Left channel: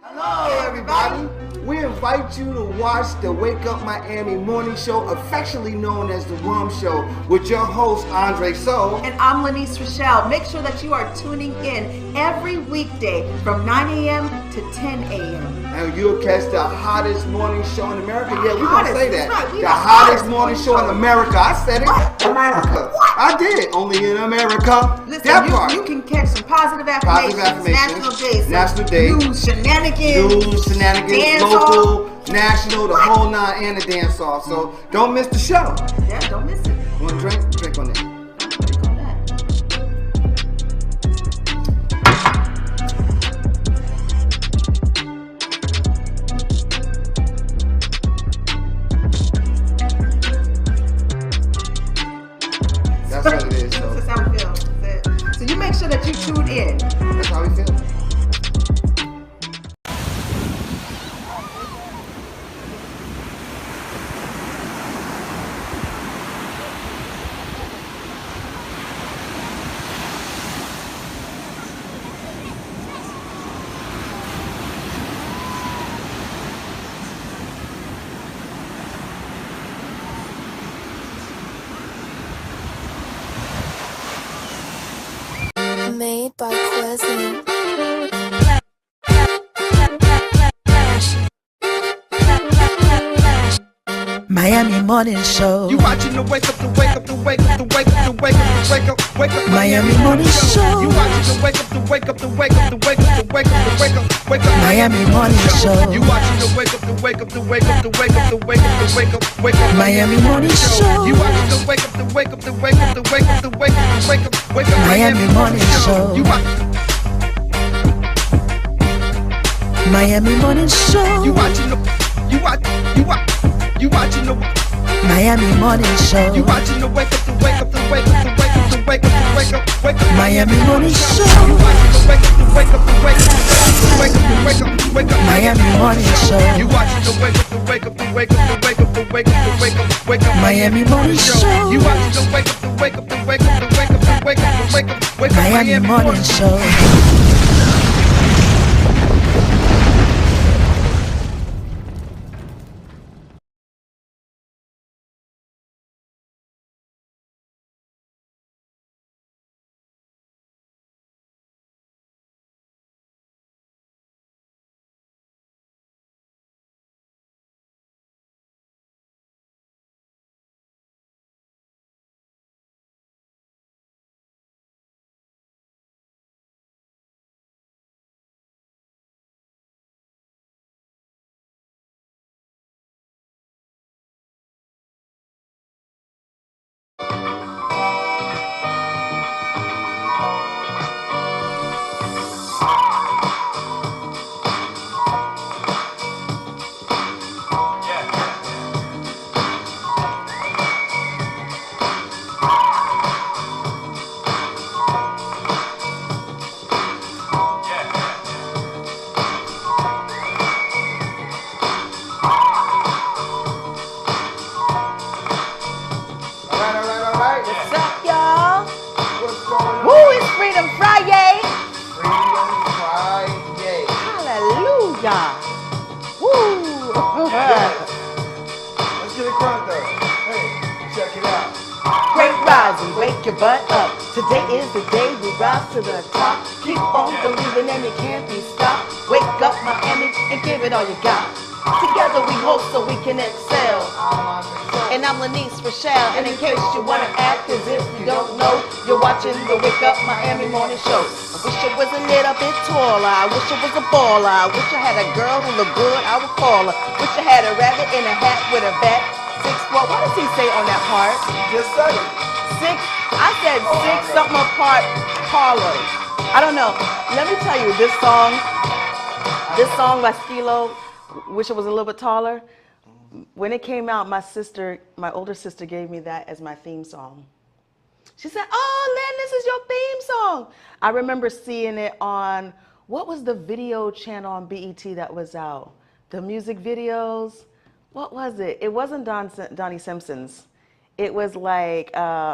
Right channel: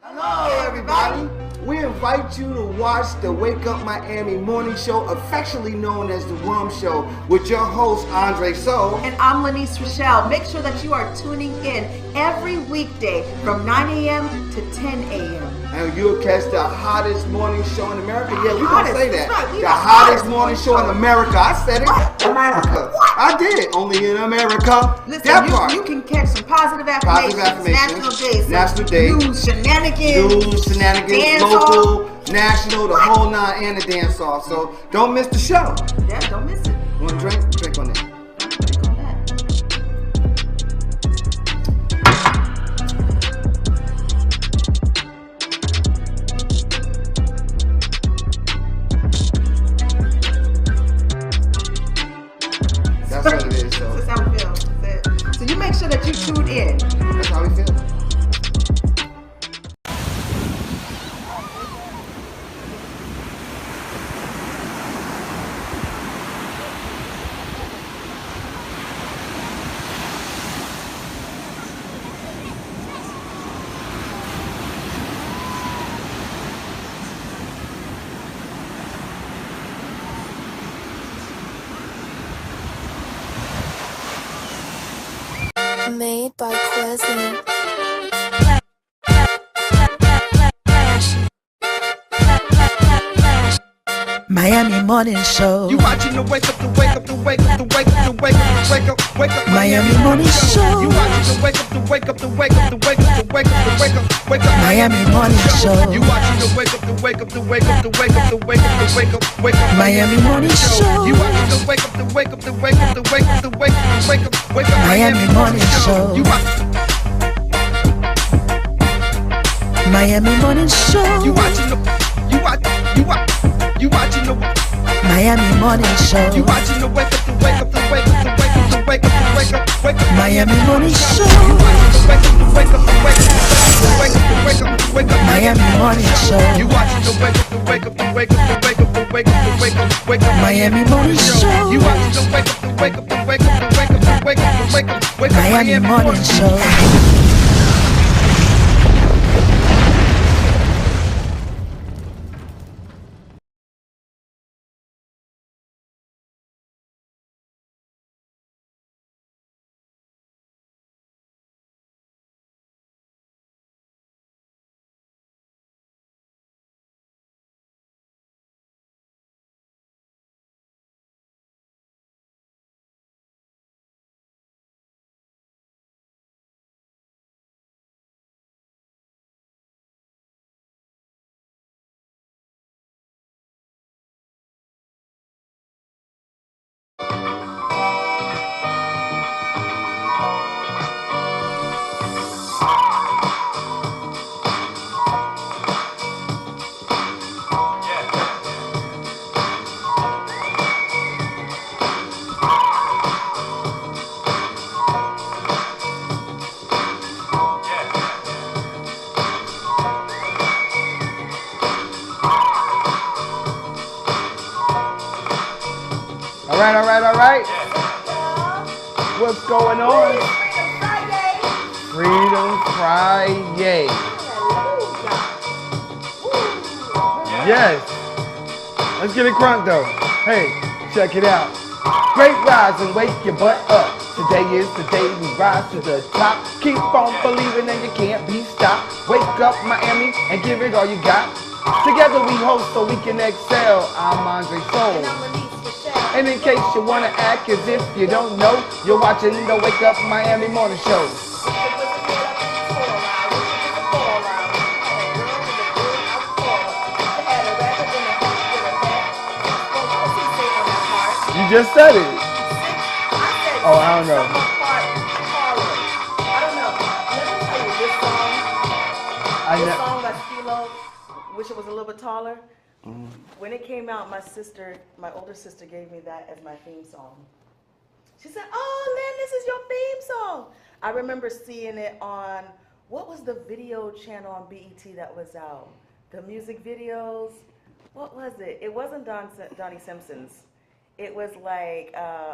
Hello, everybody. We invite you to watch the Wake Up Miami morning show, affectionately known as the Rum Show, with your host, Andre So. And I'm Lyneise Rachelle. Make sure that you are tuning in every weekday from 9 a.m. to 10 a.m. And you'll catch the hottest morning show in America. Yeah, we're going to say that. Right. The hottest morning show in America. I said it. America. I did. Only in America. Listen, that part. You can catch some positive affirmations. National days. News, shenanigans. Local, national, the whole nine, and the dance off. So don't miss the show. Yeah, don't miss it. Want to drink? Drink on it. Drink on that. That's what it is. So that's how we feel. So you make sure that you tune in. That's how we feel. Made by Quezzy. Miami Morning Show. You watching the wake up, the wake up, the wake up, the wake up, the wake up, the wake up, wake up. Miami Morning Show. You watching the wake up, the wake up, the wake up, the wake up, the wake up, the wake up, wake up. Miami Morning Show. You watching the wake up, the wake up, the wake up, the wake up, the wake up, the wake up, wake up. Miami Morning Show. You watching the wake up, the wake up, the wake up, the wake up, the wake up, the wake up, wake up. Miami Morning Show. You Miami Morning Show. You watching the you watching the Miami Morning Show. You watching the wake up, the wake up, the wake up, the wake up, the wake up, the wake up, wake up. Miami Morning Show. You watching the wake up, the wake up, the wake up, the wake up, the wake up, the wake up. Miami Morning Show. You watching the wake up, the wake up, the wake up, the wake up, the wake up, the wake up, wake up. Miami Morning Show. You watching the wake up, the wake up, the wake up, the wake up, the wake up, the wake up, wake up. Miami Morning Show. Check it out. Great rise and wake your butt up. Today is the day we rise to the top. Keep on believing and you can't be stopped. Wake up Miami and give it all you got. Together we hope so we can excel. I'm Andre So. And I'm Lyneise Rachelle. And in case you want to act as if you don't know, you're watching the Wake Up Miami Morning Show. Wish it was a little bit taller. I wish it was a baller. I wish I had a girl in the good, I would call her. Wish I had a rabbit in a hat with a bat. What does he say on that part? You just said it. Six. I said six something apart taller. I don't know. Let me tell you, this song by Stilo, Wish It Was a Little Bit Taller. When it came out, my older sister gave me that as my theme song. She said, "Oh, Lynn, this is your theme song." I remember seeing it on, what was the video channel on BET that was out? The music videos. What was it? It wasn't Donnie Simpson's. It was like,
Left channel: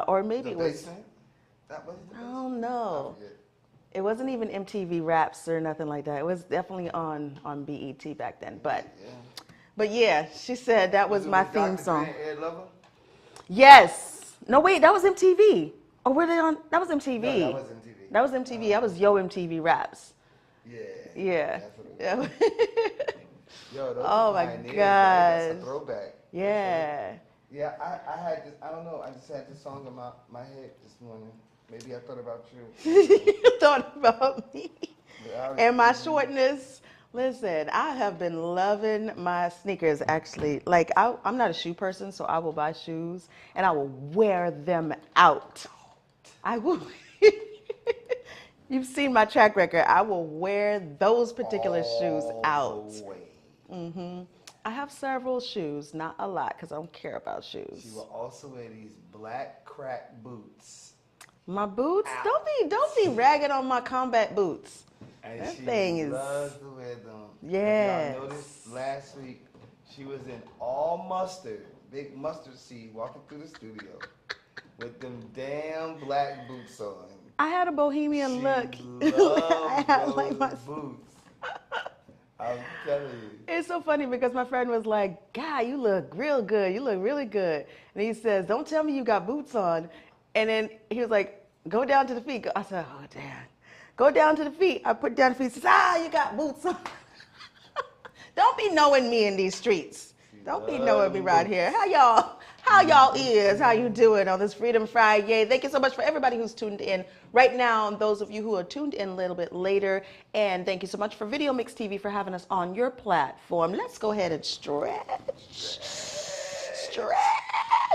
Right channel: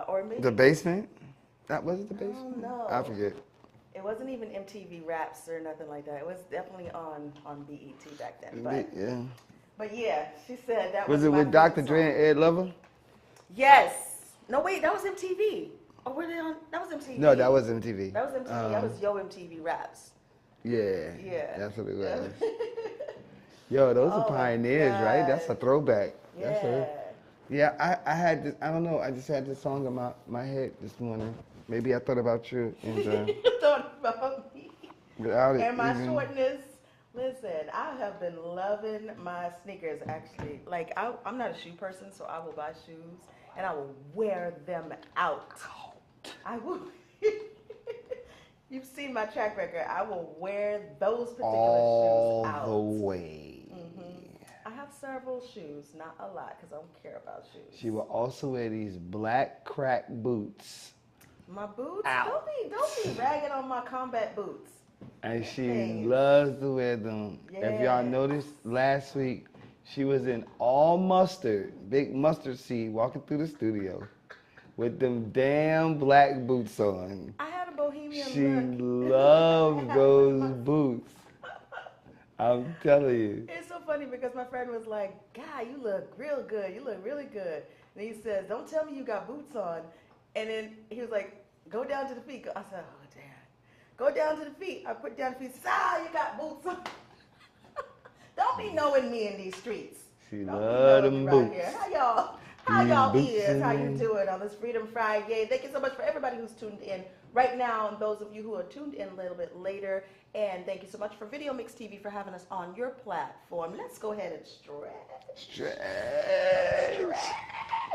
or maybe The Basement? That was it, The Basement? I don't know. I forget. It wasn't even MTV Raps or nothing like that. It was definitely on BET back then. But yeah, she said that was my with Dr. theme Dre song. and Ed Lover? Yes. No, wait, that was MTV. Or were they on? That was MTV. No, that was MTV. That was MTV. That was Yo MTV Raps. Yeah. Yeah. That's what it was. Yo, those are pioneers, God. right? That's a throwback. Yeah. Yeah, I had this, I don't know, I just had this song in my head this morning. Maybe I thought about you. You thought about me Without it, and my shortness. Listen, I have been loving my sneakers actually. Like, I'm not a shoe person, so I will buy shoes and I will wear them out. I will. You've seen my track record. I will wear those particular shoes out. All the way. I have several shoes, not a lot, because I don't care about shoes. She will also wear these black crack boots. My boots? Don't be ragging on my combat boots. And That she thing is- loves to wear them. Yes. If y'all noticed last week, she was in all mustard, big mustard seed, walking through the studio with them damn black boots on. I had a bohemian look. She loves I had, those like, my- boots. I'm telling you. It's so funny because my friend was like, God, you look real good. You look really good. And he says, don't tell me you got boots on. And then he was like, go down to the feet. I said, oh, damn. Go down to the feet. I put down the feet. He says, you got boots on. Don't be knowing me in these streets. Don't be knowing me right here. How y'all is? How you doing on this Freedom Friday? Thank you so much for everybody who's tuned in right now, and those of you who are tuned in a little bit later. And thank you so much for Video Mix TV for having us on your platform. Let's go ahead and stretch.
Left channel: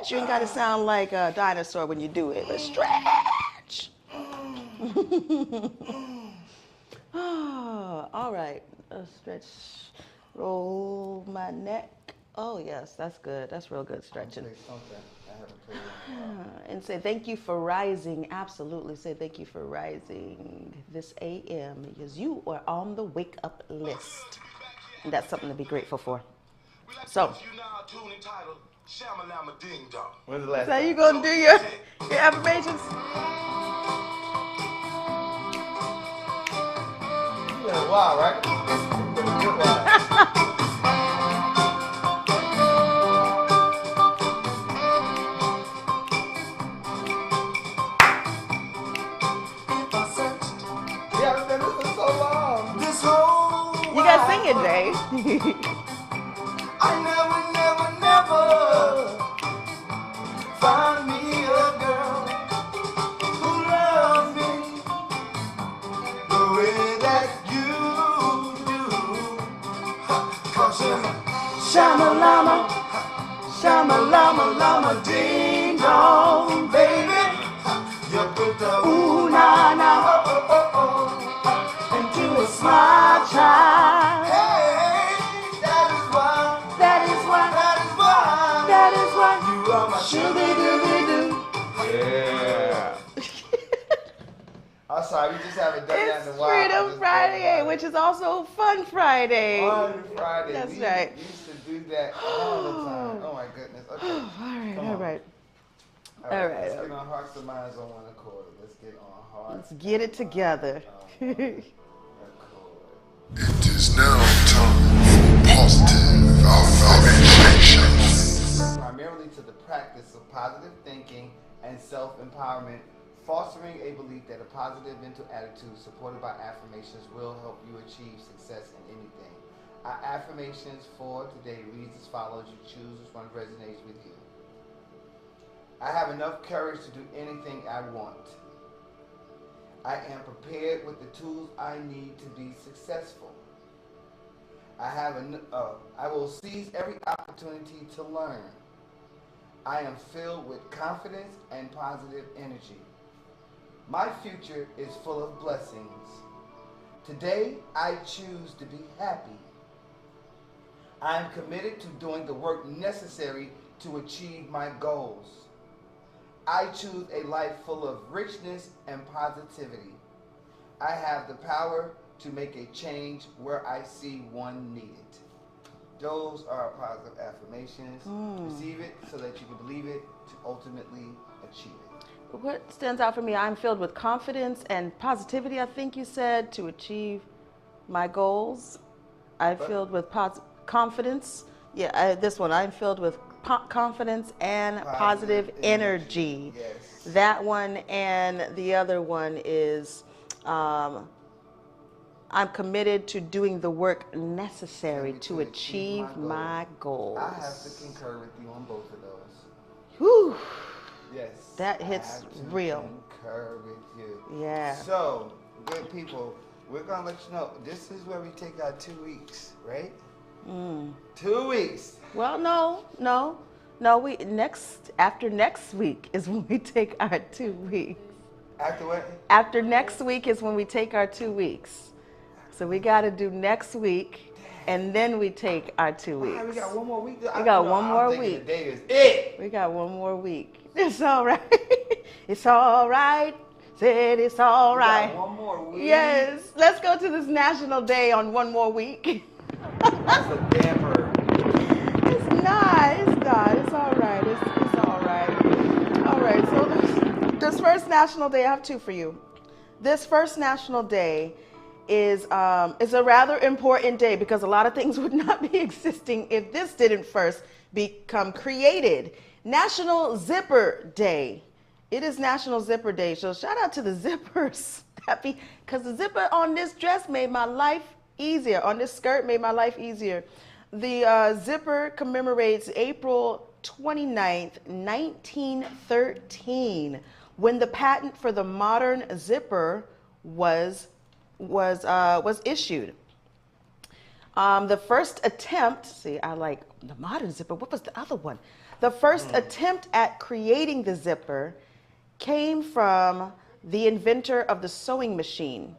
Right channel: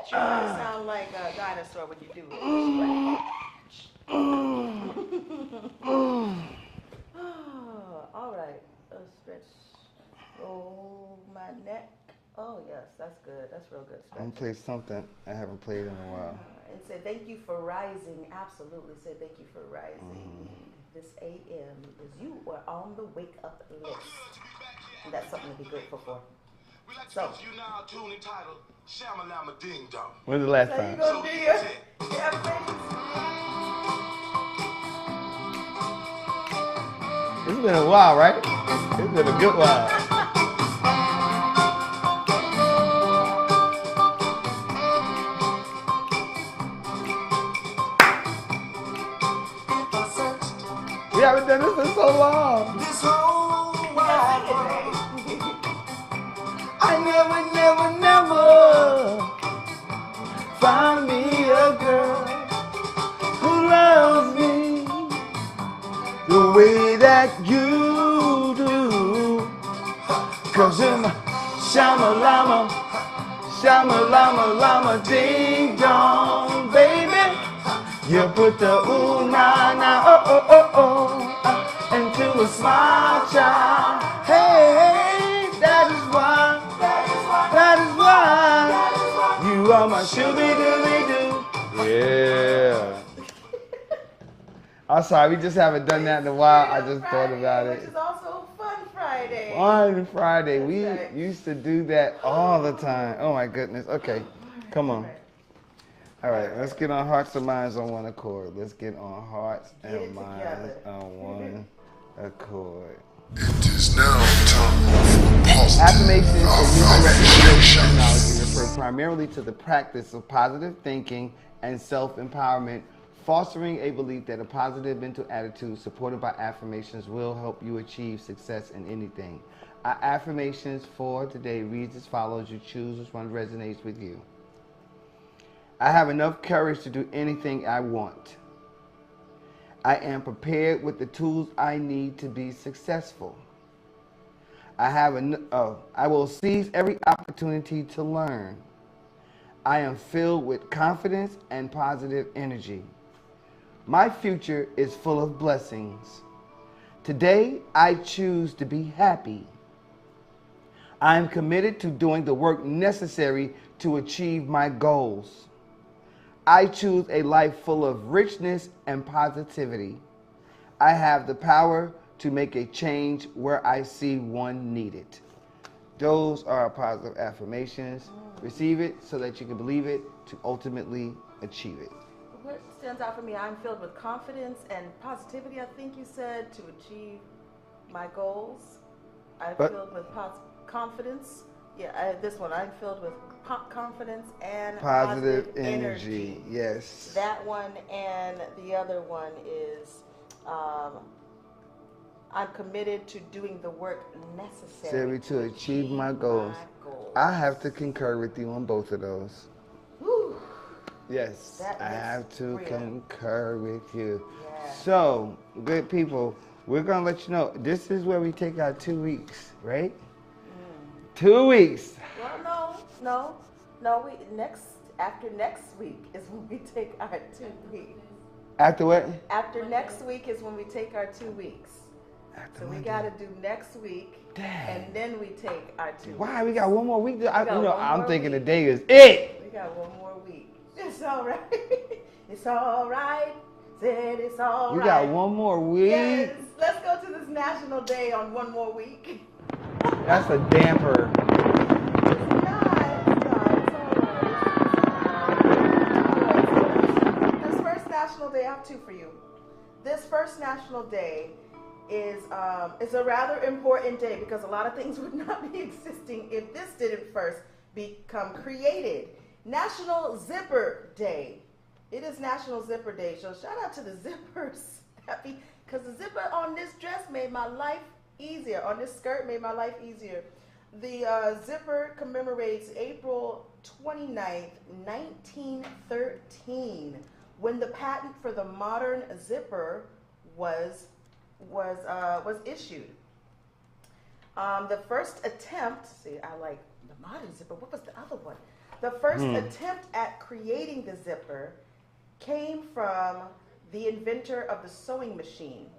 You kind of sound like a dinosaur when you do it. Let's stretch. All right. Stretch. Roll my neck. Oh, yes, that's good. That's real good I'm stretching. gonna play something I haven't played in a while. And say thank you for rising. Absolutely. Say thank you for rising this AM because you are on the wake up list. And that's something to be grateful for. So, When's the last so time? you gonna do your affirmations? It's been a while, right? It's been a good while. We haven't done this in so long. This whole You gotta sing it, Dave. I never find me a girl who loves me the way that you do. 'Cause in Shama-lama, Shama-lama-lama, ding dong, baby, you put the ooh na na oh oh oh into a smile child. Hey, that is why you are my sugar-doo-doo. Yeah. I'm sorry, we just haven't done that in a while. I Freedom just thought Friday, about which it. is also Fun Friday. On Friday. That's We right. used to do that all the time. Oh my goodness. Okay. Come on. All right. All right, All right. let's get on hearts and minds on one accord. Let's get on hearts. Let's get and it together. minds on one accord. It is now time for positive affirmations. Refer primarily to the practice of positive thinking and self-empowerment, fostering a belief that a positive mental attitude supported by affirmations will help you achieve success in anything. Our affirmations for today reads as follows. You choose which one resonates with you. I have enough courage to do anything I want. I am prepared with the tools I need to be successful. I will seize every opportunity to learn. I am filled with confidence and positive energy. My future is full of blessings. Today, I choose to be happy. I am committed to doing the work necessary to achieve my goals. I choose a life full of richness and positivity. I have the power to make a change where I see one needed. Those are positive affirmations. Receive it so that you can believe it to ultimately achieve it. what stands out for me? I'm filled with confidence and positivity, I think you said, to achieve my goals. I'm filled with confidence. Yeah, this one, I'm filled with confidence and positive energy. Yes. That one, and the other one is I'm committed to doing the work necessary to achieve my goals. I have to concur with you on both of those. Whew. Yes. That hits I have to real. concur with you. Yeah. So, good people, we're going to let you know, this is where we take our 2 weeks, right? 2 weeks. Well, no. After next week is when we take our 2 weeks. After what? After next week is when we take our 2 weeks. So we got to do next week, and then we take our 2 weeks. Why? We got one more week. I'm thinking week. today is it. We got one more week. It's all right. It's all right. Said it's all right. We got one more week. Yes. Let's go to this National Day on one more week. That's a damper. It's not. It's all right. It's all right. All right. So this first National Day, I have 2 for you. This first National Day is a rather important day because a lot of things would not be existing if this didn't first become created. National Zipper Day. It is National Zipper Day, so shout out to the zippers. Because the zipper on this dress made my life easier. On this skirt made my life easier. The zipper commemorates April 29th, 1913, when the patent for the modern zipper was issued. The first attempt, I like the modern zipper. What was the other one? The first attempt at creating the zipper came from the inventor of the sewing machine.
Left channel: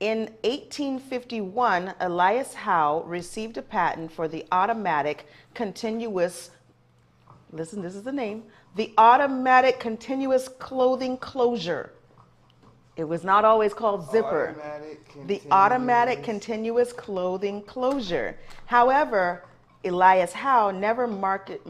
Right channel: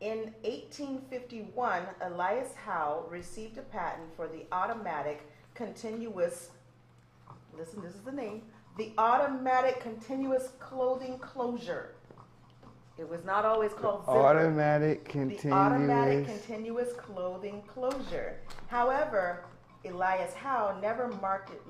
In 1851, Elias Howe received a patent for the automatic continuous, listen, this is the name, the automatic continuous clothing closure. It was not always called zipper. The automatic continuous clothing closure. However, Elias Howe never marketed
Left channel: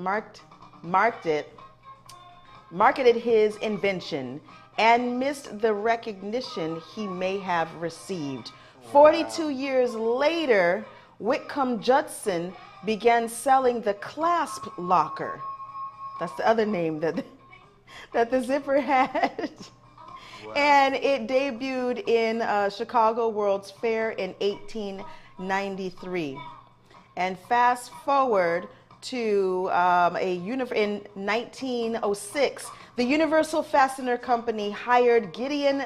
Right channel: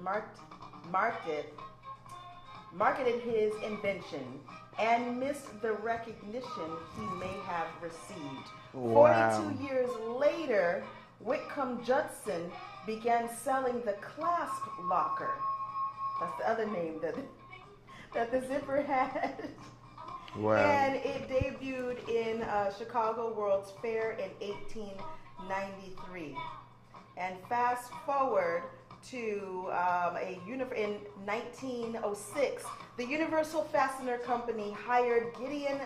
his invention and missed the recognition he may have received. Wow. 42 years later, Whitcomb Judson began selling the clasp locker. That's the other name that the zipper had. Wow. And it debuted in Chicago World's Fair in 1893. And fast forward to in 1906, the Universal Fastener Company hired Gideon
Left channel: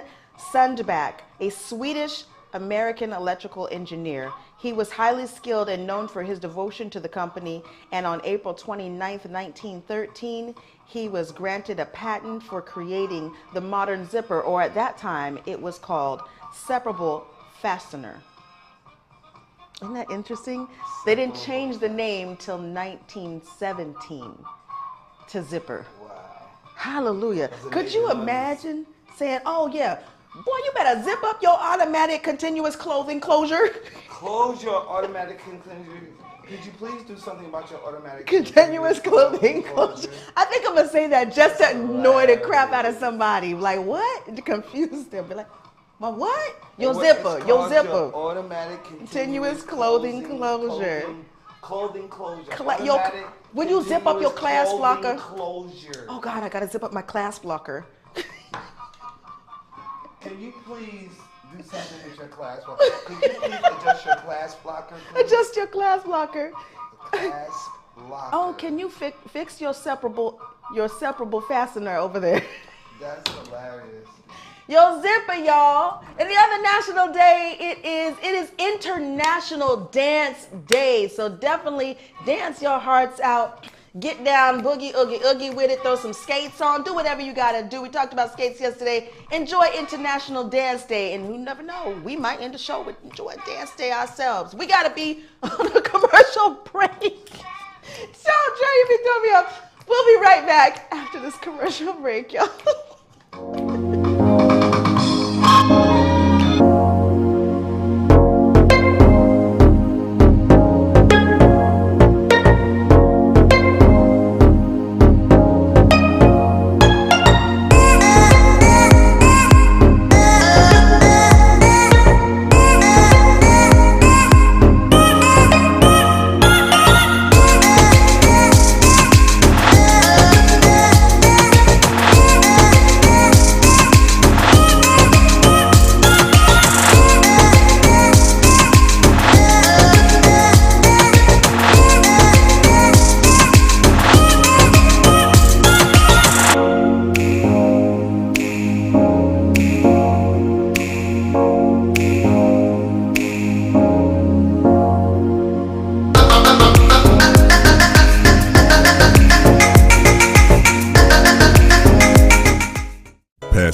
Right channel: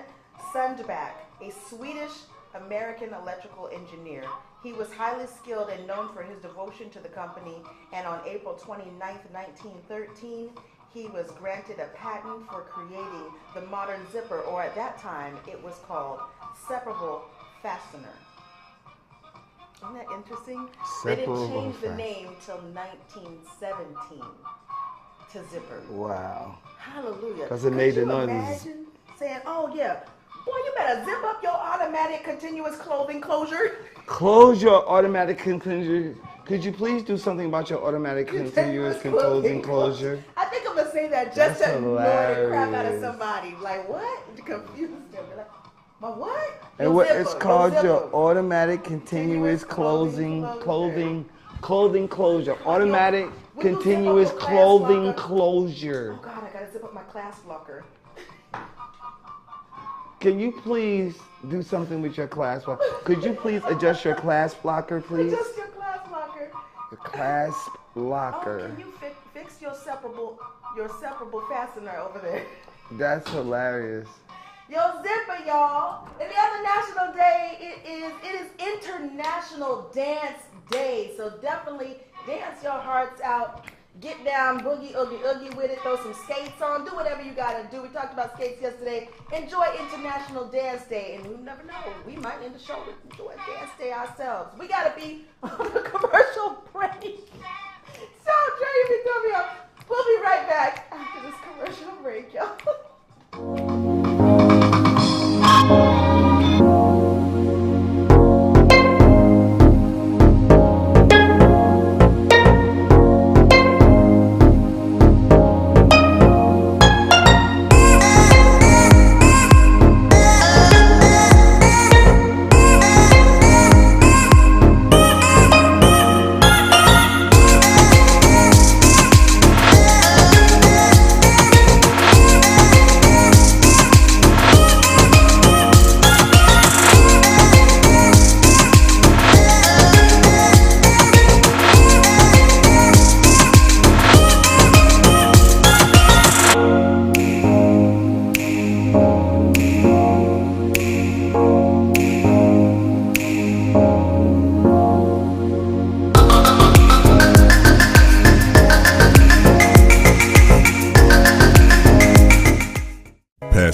Sundback, a Swedish-American electrical engineer. He was highly skilled and known for his devotion to the company, and on April 29, 1913, he was granted a patent for creating the modern zipper, or at that time, it was called separable fastener. Isn't that interesting? They didn't change the name till 1917 to zipper. Wow. Hallelujah. Could you imagine saying, oh yeah, boy, you better zip up your automatic continuous clothing closure. Close your automatic continuous. Could you please do something about your automatic continuous clothing closure? I think I'm going to say that just to annoy the crap out of somebody. Like, what? To confuse them. Be like, well, what? Your zipper. It's called your automatic continuous clothing closure. Automatic when you zip up your clasp locker, closure. Oh God, I gotta zip up my clasp locker. Can you please do something with your clasp locker? Could you please adjust your clasp locker, please? Adjust your clasp locker. The clasp locker. Oh, can you fix your separable fastener over there? That's hilarious. Your zipper, y'all. And the other national day, it is International Dance Day. So definitely dance your hearts out. Get down, boogie, oogie with it. Throw some skates on. Do whatever you gotta do. We talked about skates yesterday. Enjoy International Dance Day. And you never know, we might end the show with Enjoy Dance Day ourselves. We gotta be on a commercial break. So Dre, you can throw me up. We'll be right back after this commercial break, y'all.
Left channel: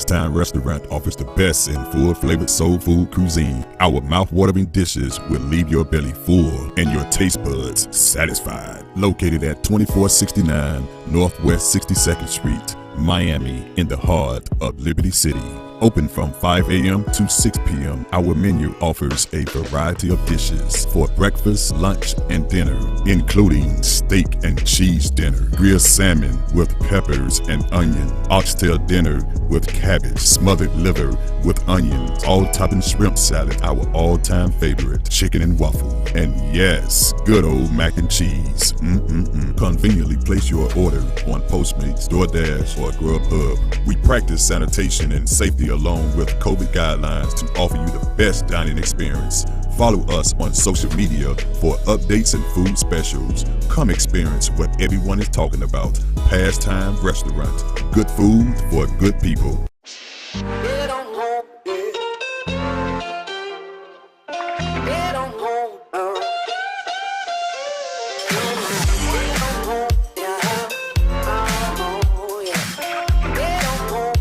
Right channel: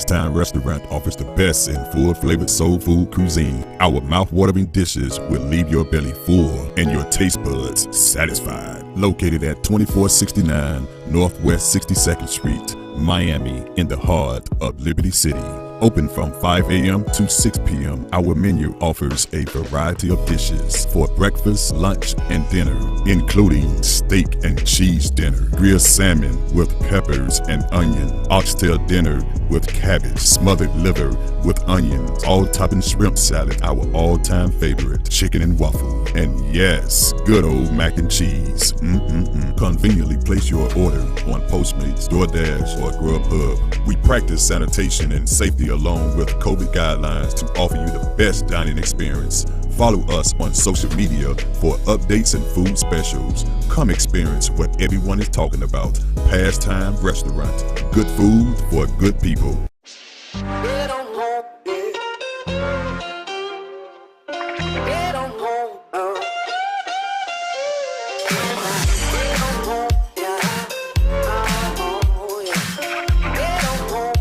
Pastime Restaurant offers the best in full-flavored soul food cuisine. Our mouth-watering dishes will leave your belly full and your taste buds satisfied. Located at 2469 Northwest 62nd Street, Miami, in the heart of Liberty City. Open from 5 a.m. to 6 p.m. Our menu offers a variety of dishes for breakfast, lunch, and dinner, including steak and cheese dinner, grilled salmon with peppers and onion, oxtail dinner with cabbage, smothered liver with onions, all-topping shrimp salad, our all-time favorite, chicken and waffle, and yes, good old mac and cheese. Conveniently place your order on Postmates, DoorDash, or Grubhub. We practice sanitation and safety along with COVID guidelines to offer you the best dining experience. Follow us on social media for updates and food specials. Come experience what everyone is talking about. Pastime Restaurant. Good food for good people. Get on home, yeah. Get on home, Get on home, yeah. Oh, yeah. Get on home,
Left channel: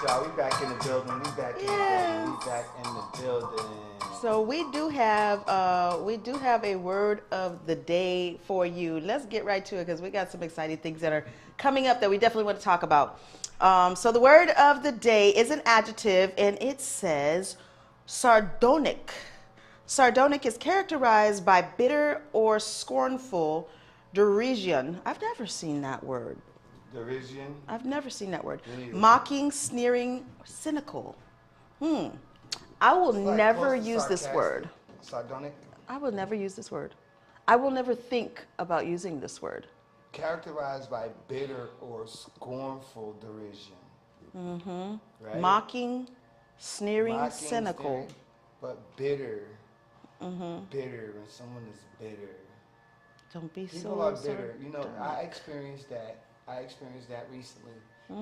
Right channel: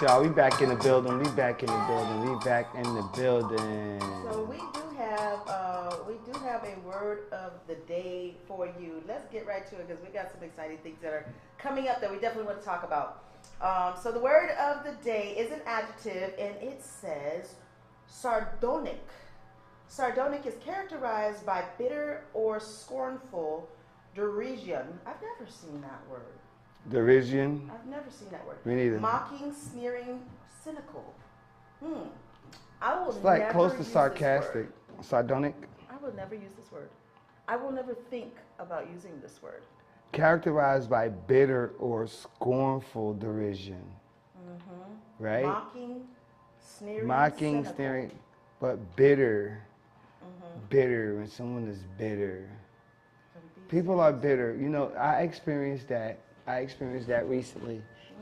Y'all, we back in the building. We back in the building. We back in the building. So we do have a word of the day for you. Let's get right to it because we got some exciting things that are coming up that we definitely want to talk about. So the word of the day is an adjective, and it says sardonic. Sardonic is characterized by bitter or scornful derision. I've never seen that word. Derision? I've never seen that word. Me neither. Mocking, sneering, cynical. I will never use this word. Sardonic? I will never use this word. I will never think about using this word. Characterized by bitter or scornful derision. Right? Mocking, sneering, cynical. Sneering, but bitter. Bitter, when someone is bitter. Don't be People are bitter. You know, I experienced that. Recently.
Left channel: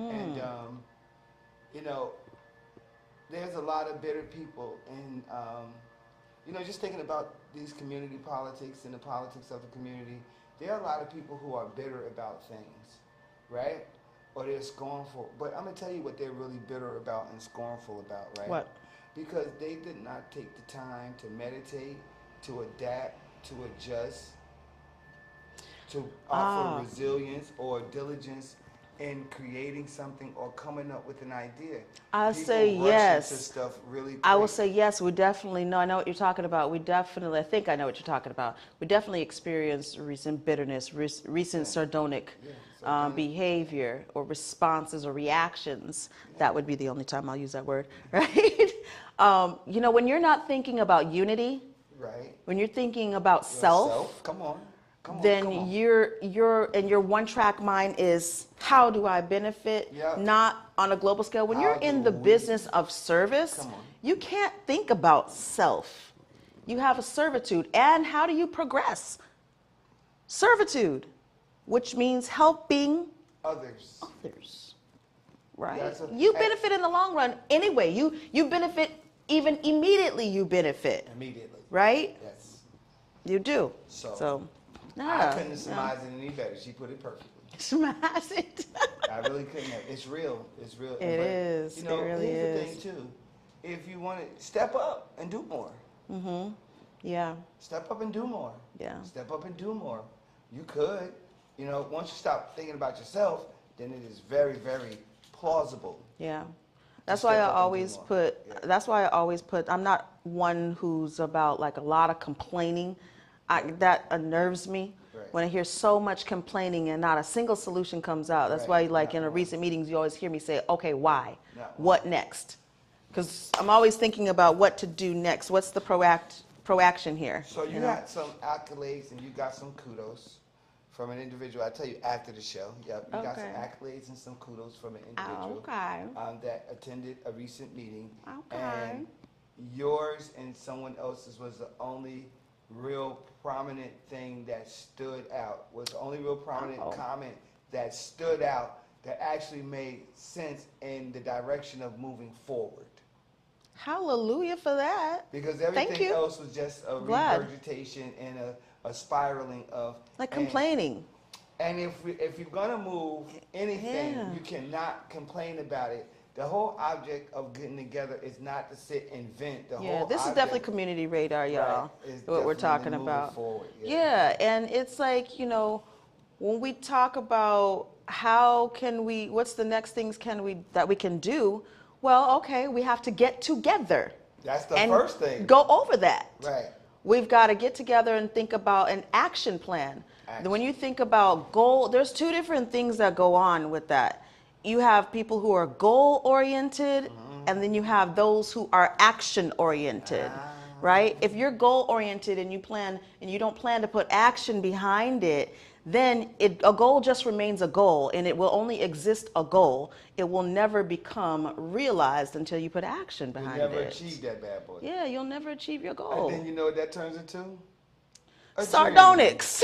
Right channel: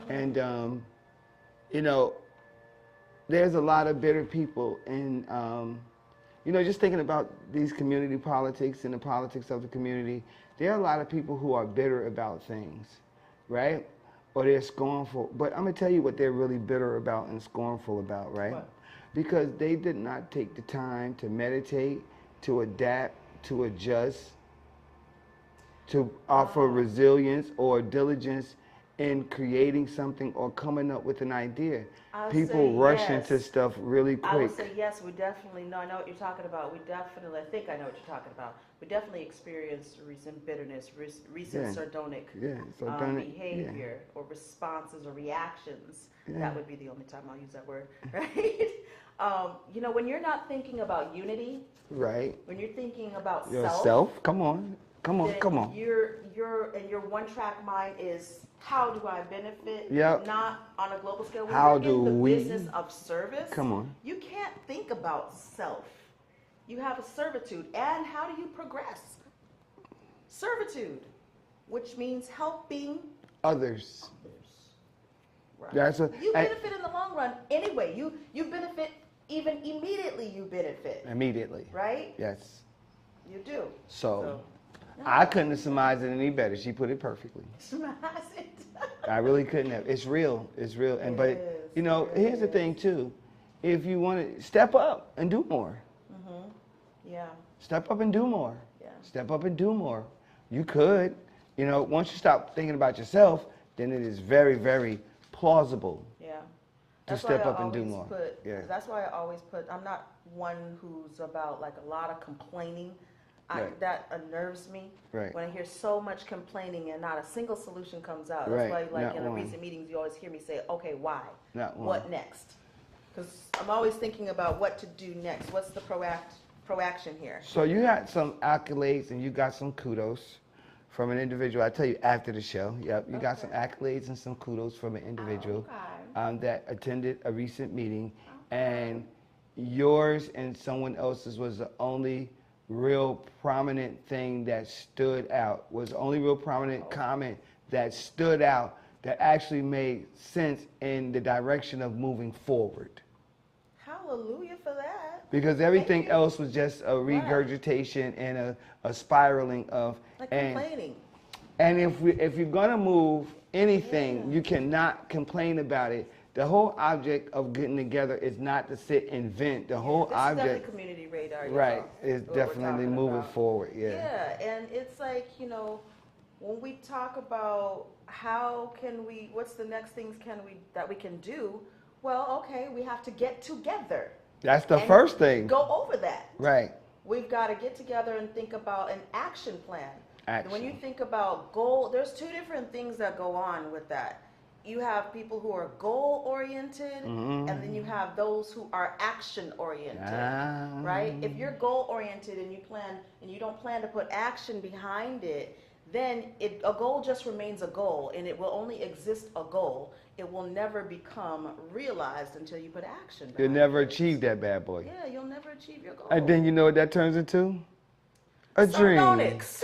And, you know, there's a lot of bitter people. And, you know, just thinking about these community politics and the politics of the community, there are a lot of people who are bitter about things, right? Or they're scornful. But I'm going to tell you what they're really bitter about and scornful about, right? What? Because they did not take the time to meditate, to adapt, to adjust, to offer resilience or diligence in creating something or coming up with an idea. People rush into stuff really quick. I would say yes, we definitely know. I know what you're talking about. I think I know what you're talking about. We definitely experienced recent bitterness, recent sardonic behavior or responses or reactions. That would be the only time I'll use that word, right? You know, when you're not thinking about unity, right? When you're thinking about self, come on. Your one-track mind is how do I benefit, not on a global scale. When you're in the business of service, you can't think about self. You have a servitude. And how do you progress? Servitude, which means helping others. Right. You benefit in the long run anyway. You benefit even immediately you benefit. Immediately. Right? Yes. You do. So no, I couldn't have surmised it any better. She put it perfectly. Surmise it. I really couldn't have. It's real. It's real. It But, is. you know, It really here's the thing, is. too. If you want to step up and do more. Yeah. Step up and do more. Yeah. Step up and do more. You could. You know, once you stop thinking about yourself, then it is very, very plausible. Yeah. That's why step I up and do always more. put, Yeah. that's why I always put, I'm not one who's about like a lot of complaining. Right. That unnerves me. Right. When I hear so much complaining and not a single solution comes out. That's Right. why like Not in a one. recent meetings, you always hear me say, okay, why? Not one. What next? Because I'm always thinking about what to do next. What's the proaction here? So you got some accolades and you got some kudos from an individual. I tell you after the show. Yep, you got some Okay. accolades and some kudos from an individual Okay. that attended a recent meeting, Okay. and yours and someone else's was the only real prominent thing that stood out. Was the only real prominent comment that stood out that actually made sense in the direction of moving forward. Hallelujah for that. Because everything you. else was just a Glad. regurgitation and a spiraling of Like and- complaining. And if you're gonna move anything, Yeah. you cannot complain about it. The whole object of getting together is not to sit and vent. The Yeah, whole this is object, definitely community radar, y'all. right, is What we're definitely talking moving about. forward. Yeah. Yeah, and it's like, you know, when we talk about how can we, what's the next things that we can do? Well, okay, we have to get together. That's the and first thing. Go over that. Right. We've got to get together and think about an action plan. When you think about goal, there's two different things that go on with that. You have people who are goal oriented, and then you have those who are action oriented, right? If you're goal oriented and you don't plan to put action behind it, then a goal just remains a goal, and it will only exist a goal. It will never become realized until you put action behind it. You'll never achieve that bad boy. Yeah, you'll never achieve your goal. And then you know what that turns into? A dream. Sardonyx.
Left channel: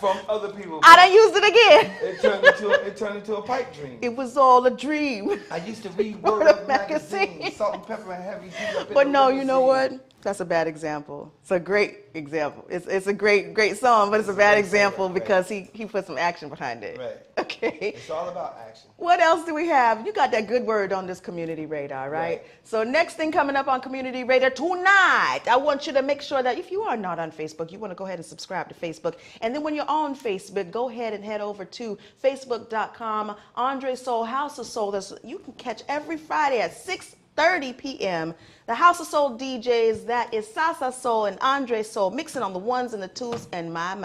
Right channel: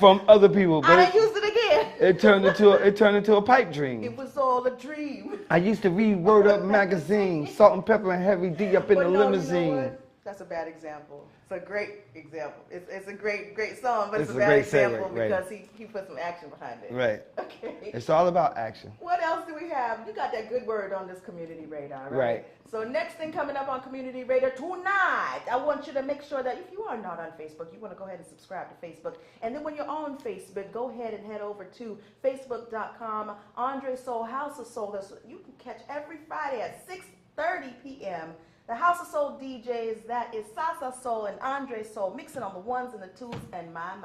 From other people. I but done used it again. it turned into a pipe dream. It was all a dream. I used to read Word Up magazine, Salt and Pepper and Heavy D up in But the no, limousine. you know what? That's a bad example. It's a great example. It's a great song, but it's a bad great example segue, because he put some action behind it. Right. Okay. It's all about action. What else do we have? You got that good word on this community radar, right? Right. So next thing coming up on community radar tonight, I want you to make sure that if you are not on Facebook, you want to go ahead and subscribe to Facebook. And then when you're on Facebook, go ahead and head over to facebook.com, Andre Soul, House of Soul. You can catch every Friday at 6:30 p.m. The House of Soul DJs, that is Sasa Soul and Andre Soul, mixing on the ones and the twos and my,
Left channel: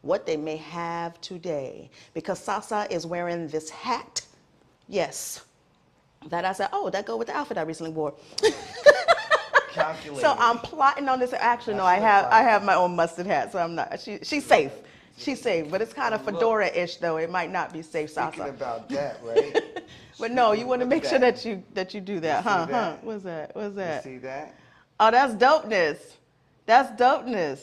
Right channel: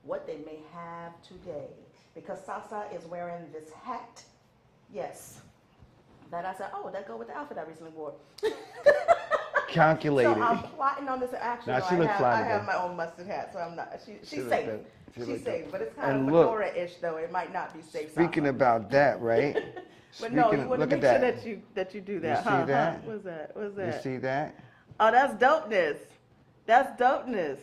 what they may have today. Because Sasa is wearing this hat. Yes. That I said, oh, that go with the outfit I recently wore. Calculated. So I'm plotting on this. Actually, Now, no, she I looks have fine, my own mustard hat, so I'm not. She's safe. She's safe, but it's kind of And look, fedora-ish though. It might not be safe. Speaking Sasa. about that, right? But no, speaking you of- want to look make at sure that. that you do that, see huh? that? What's that? What's You that? see that? Oh, that's dopeness. That's dopeness.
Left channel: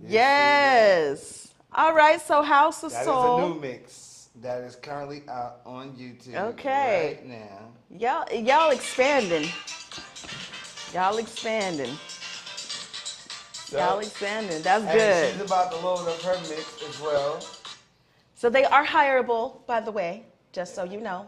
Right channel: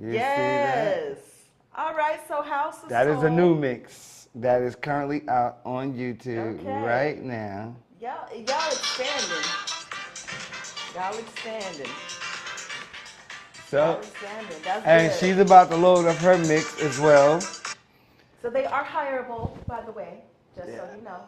You see that? Yes. All right. So House of That is Soul. a new mix that is currently out on YouTube Okay. right now. Y'all expanding. Y'all expanding. So, Y'all expanding. That's and good. she's about to load up her mix as well. So they are hireable, by the way, just so you know.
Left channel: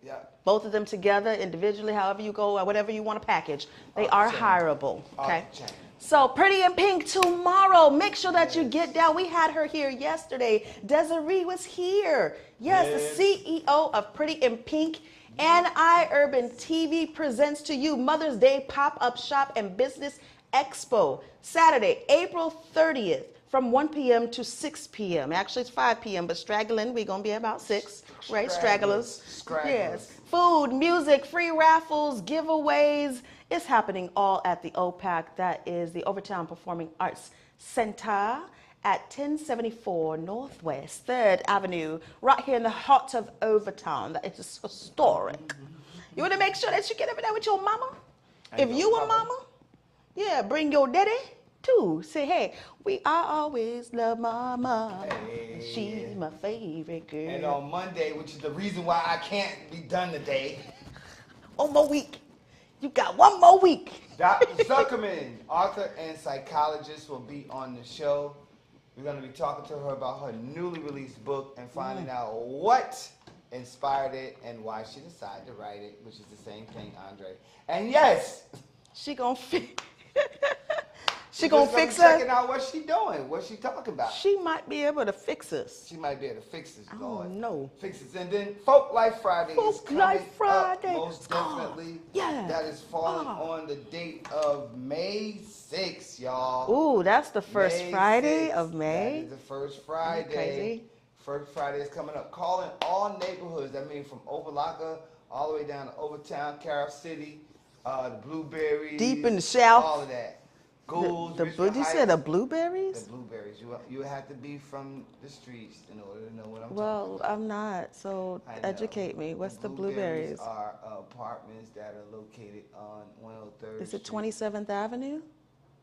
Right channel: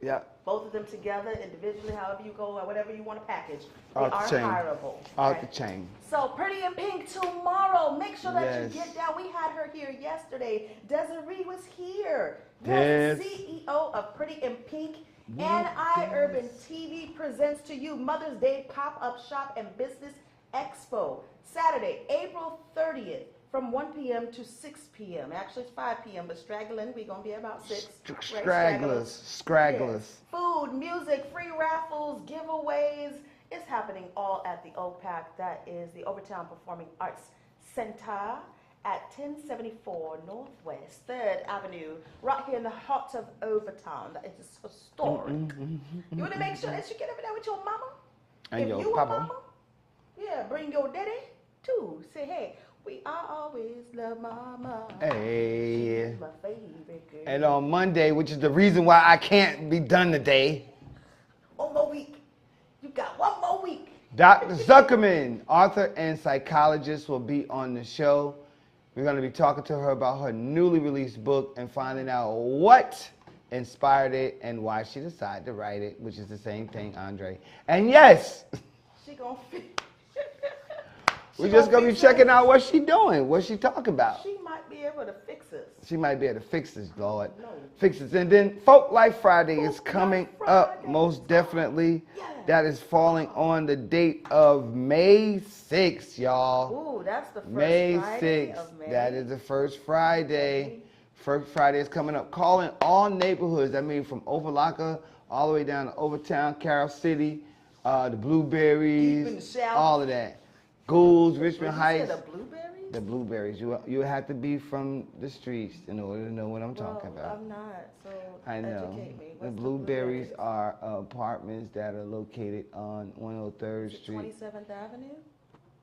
Yeah. Both of them together, individually, however you go, or whatever you want to package. They Off the are chain. hireable. Off Okay. the chain. So Pretty in Pink tomorrow. Make sure that you Yes. get down. We had her here yesterday. Desiree was here. Yes, the CEO of Pretty in Pink. NI Urban TV presents to you Mother's Day Pop-Up Shop and Business Expo. Saturday, April 30th. From 1 p.m. to 6 p.m. Actually, it's 5 p.m., but straggling, we're going to be about 6, right? Stragglers. Yes. Food, music, free raffles, giveaways. It's happening all at the OPAC. That is the Overtown Performing Arts Center at 1074 Northwest 3rd Avenue, right here in the heart of Overtown. That is historic. You want to make sure that you get over there with your mama? And If your you a papa. mama, yeah, bring your daddy too. Say, hey, we always love mama. Hey. She's my favorite girl. And on Monday, which is the reason why I can't be done today. One more week. You got one more week. Dr. Zuckerman, author and psychologist, will be on the show. We're going to be talking to her about her newly released book and finding out what inspired it and why she decided to write it, which is the same thing, Andre. And yes, She gonna fix. we're just going to be checking out what she doing, what she talking about. She might be able to fix us. She might be able to fix this, Lord. know. Fix this. And then Folk Life Friday is Folk coming Life Friday. up, most definitely. Yeah. That is falling on the date of May 6th, y'all. Ooh, that's the first May Friday 6th. of May. That is the first Friday. Crazy. First Friday is coming up. Calling all neighborhoods. I mean, from Overlocka all the way down to Overtown, Carroll City, the Blueberries. Deep in the South. All of that. Goulds, Richmond You Heights. said the blueberries? The Blueberries. You have to be from the streets in order to know what I'm talking Well, about. I'm not, so I know. educate me. What's the Blueberries? blueberries? Are apartments that are located on 103rd Is it Street. 27th Avenue?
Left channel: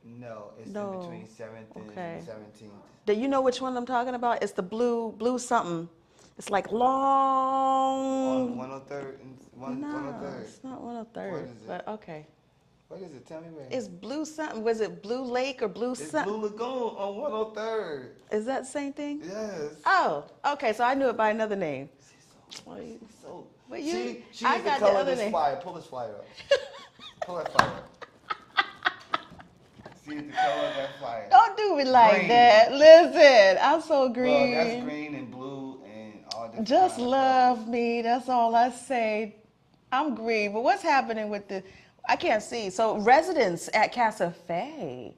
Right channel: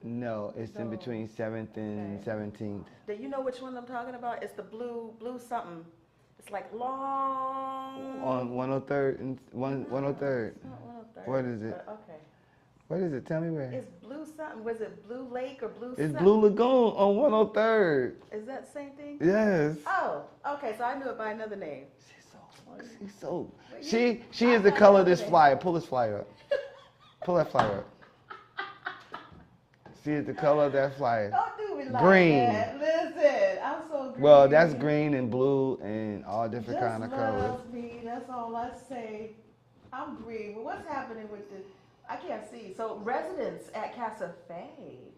No, it's No. in between 7th and Okay. 17th. Do you know which one I'm talking about? It's the blue something. It's like long. On 103rd and No, 103rd. it's not 103rd. What is it? But okay. What is it? Tell me where. It's blue something. Was it Blue Lake or Blue It's something? Blue Lagoon on 103rd. Is that the same thing? Yes. Oh, okay. So I knew it by another name. She's so. But you- She I is the got color the of this other name. flyer. Pull this flyer up. Pull that flyer up. She is the color of that flyer. Don't do me like Green. that. Listen, I'm so green. Well, that's green and blue and all different Just kind of love colors. me. That's all I say. I'm green. But what's happening with the? I can't see. So residents at Casa Fe.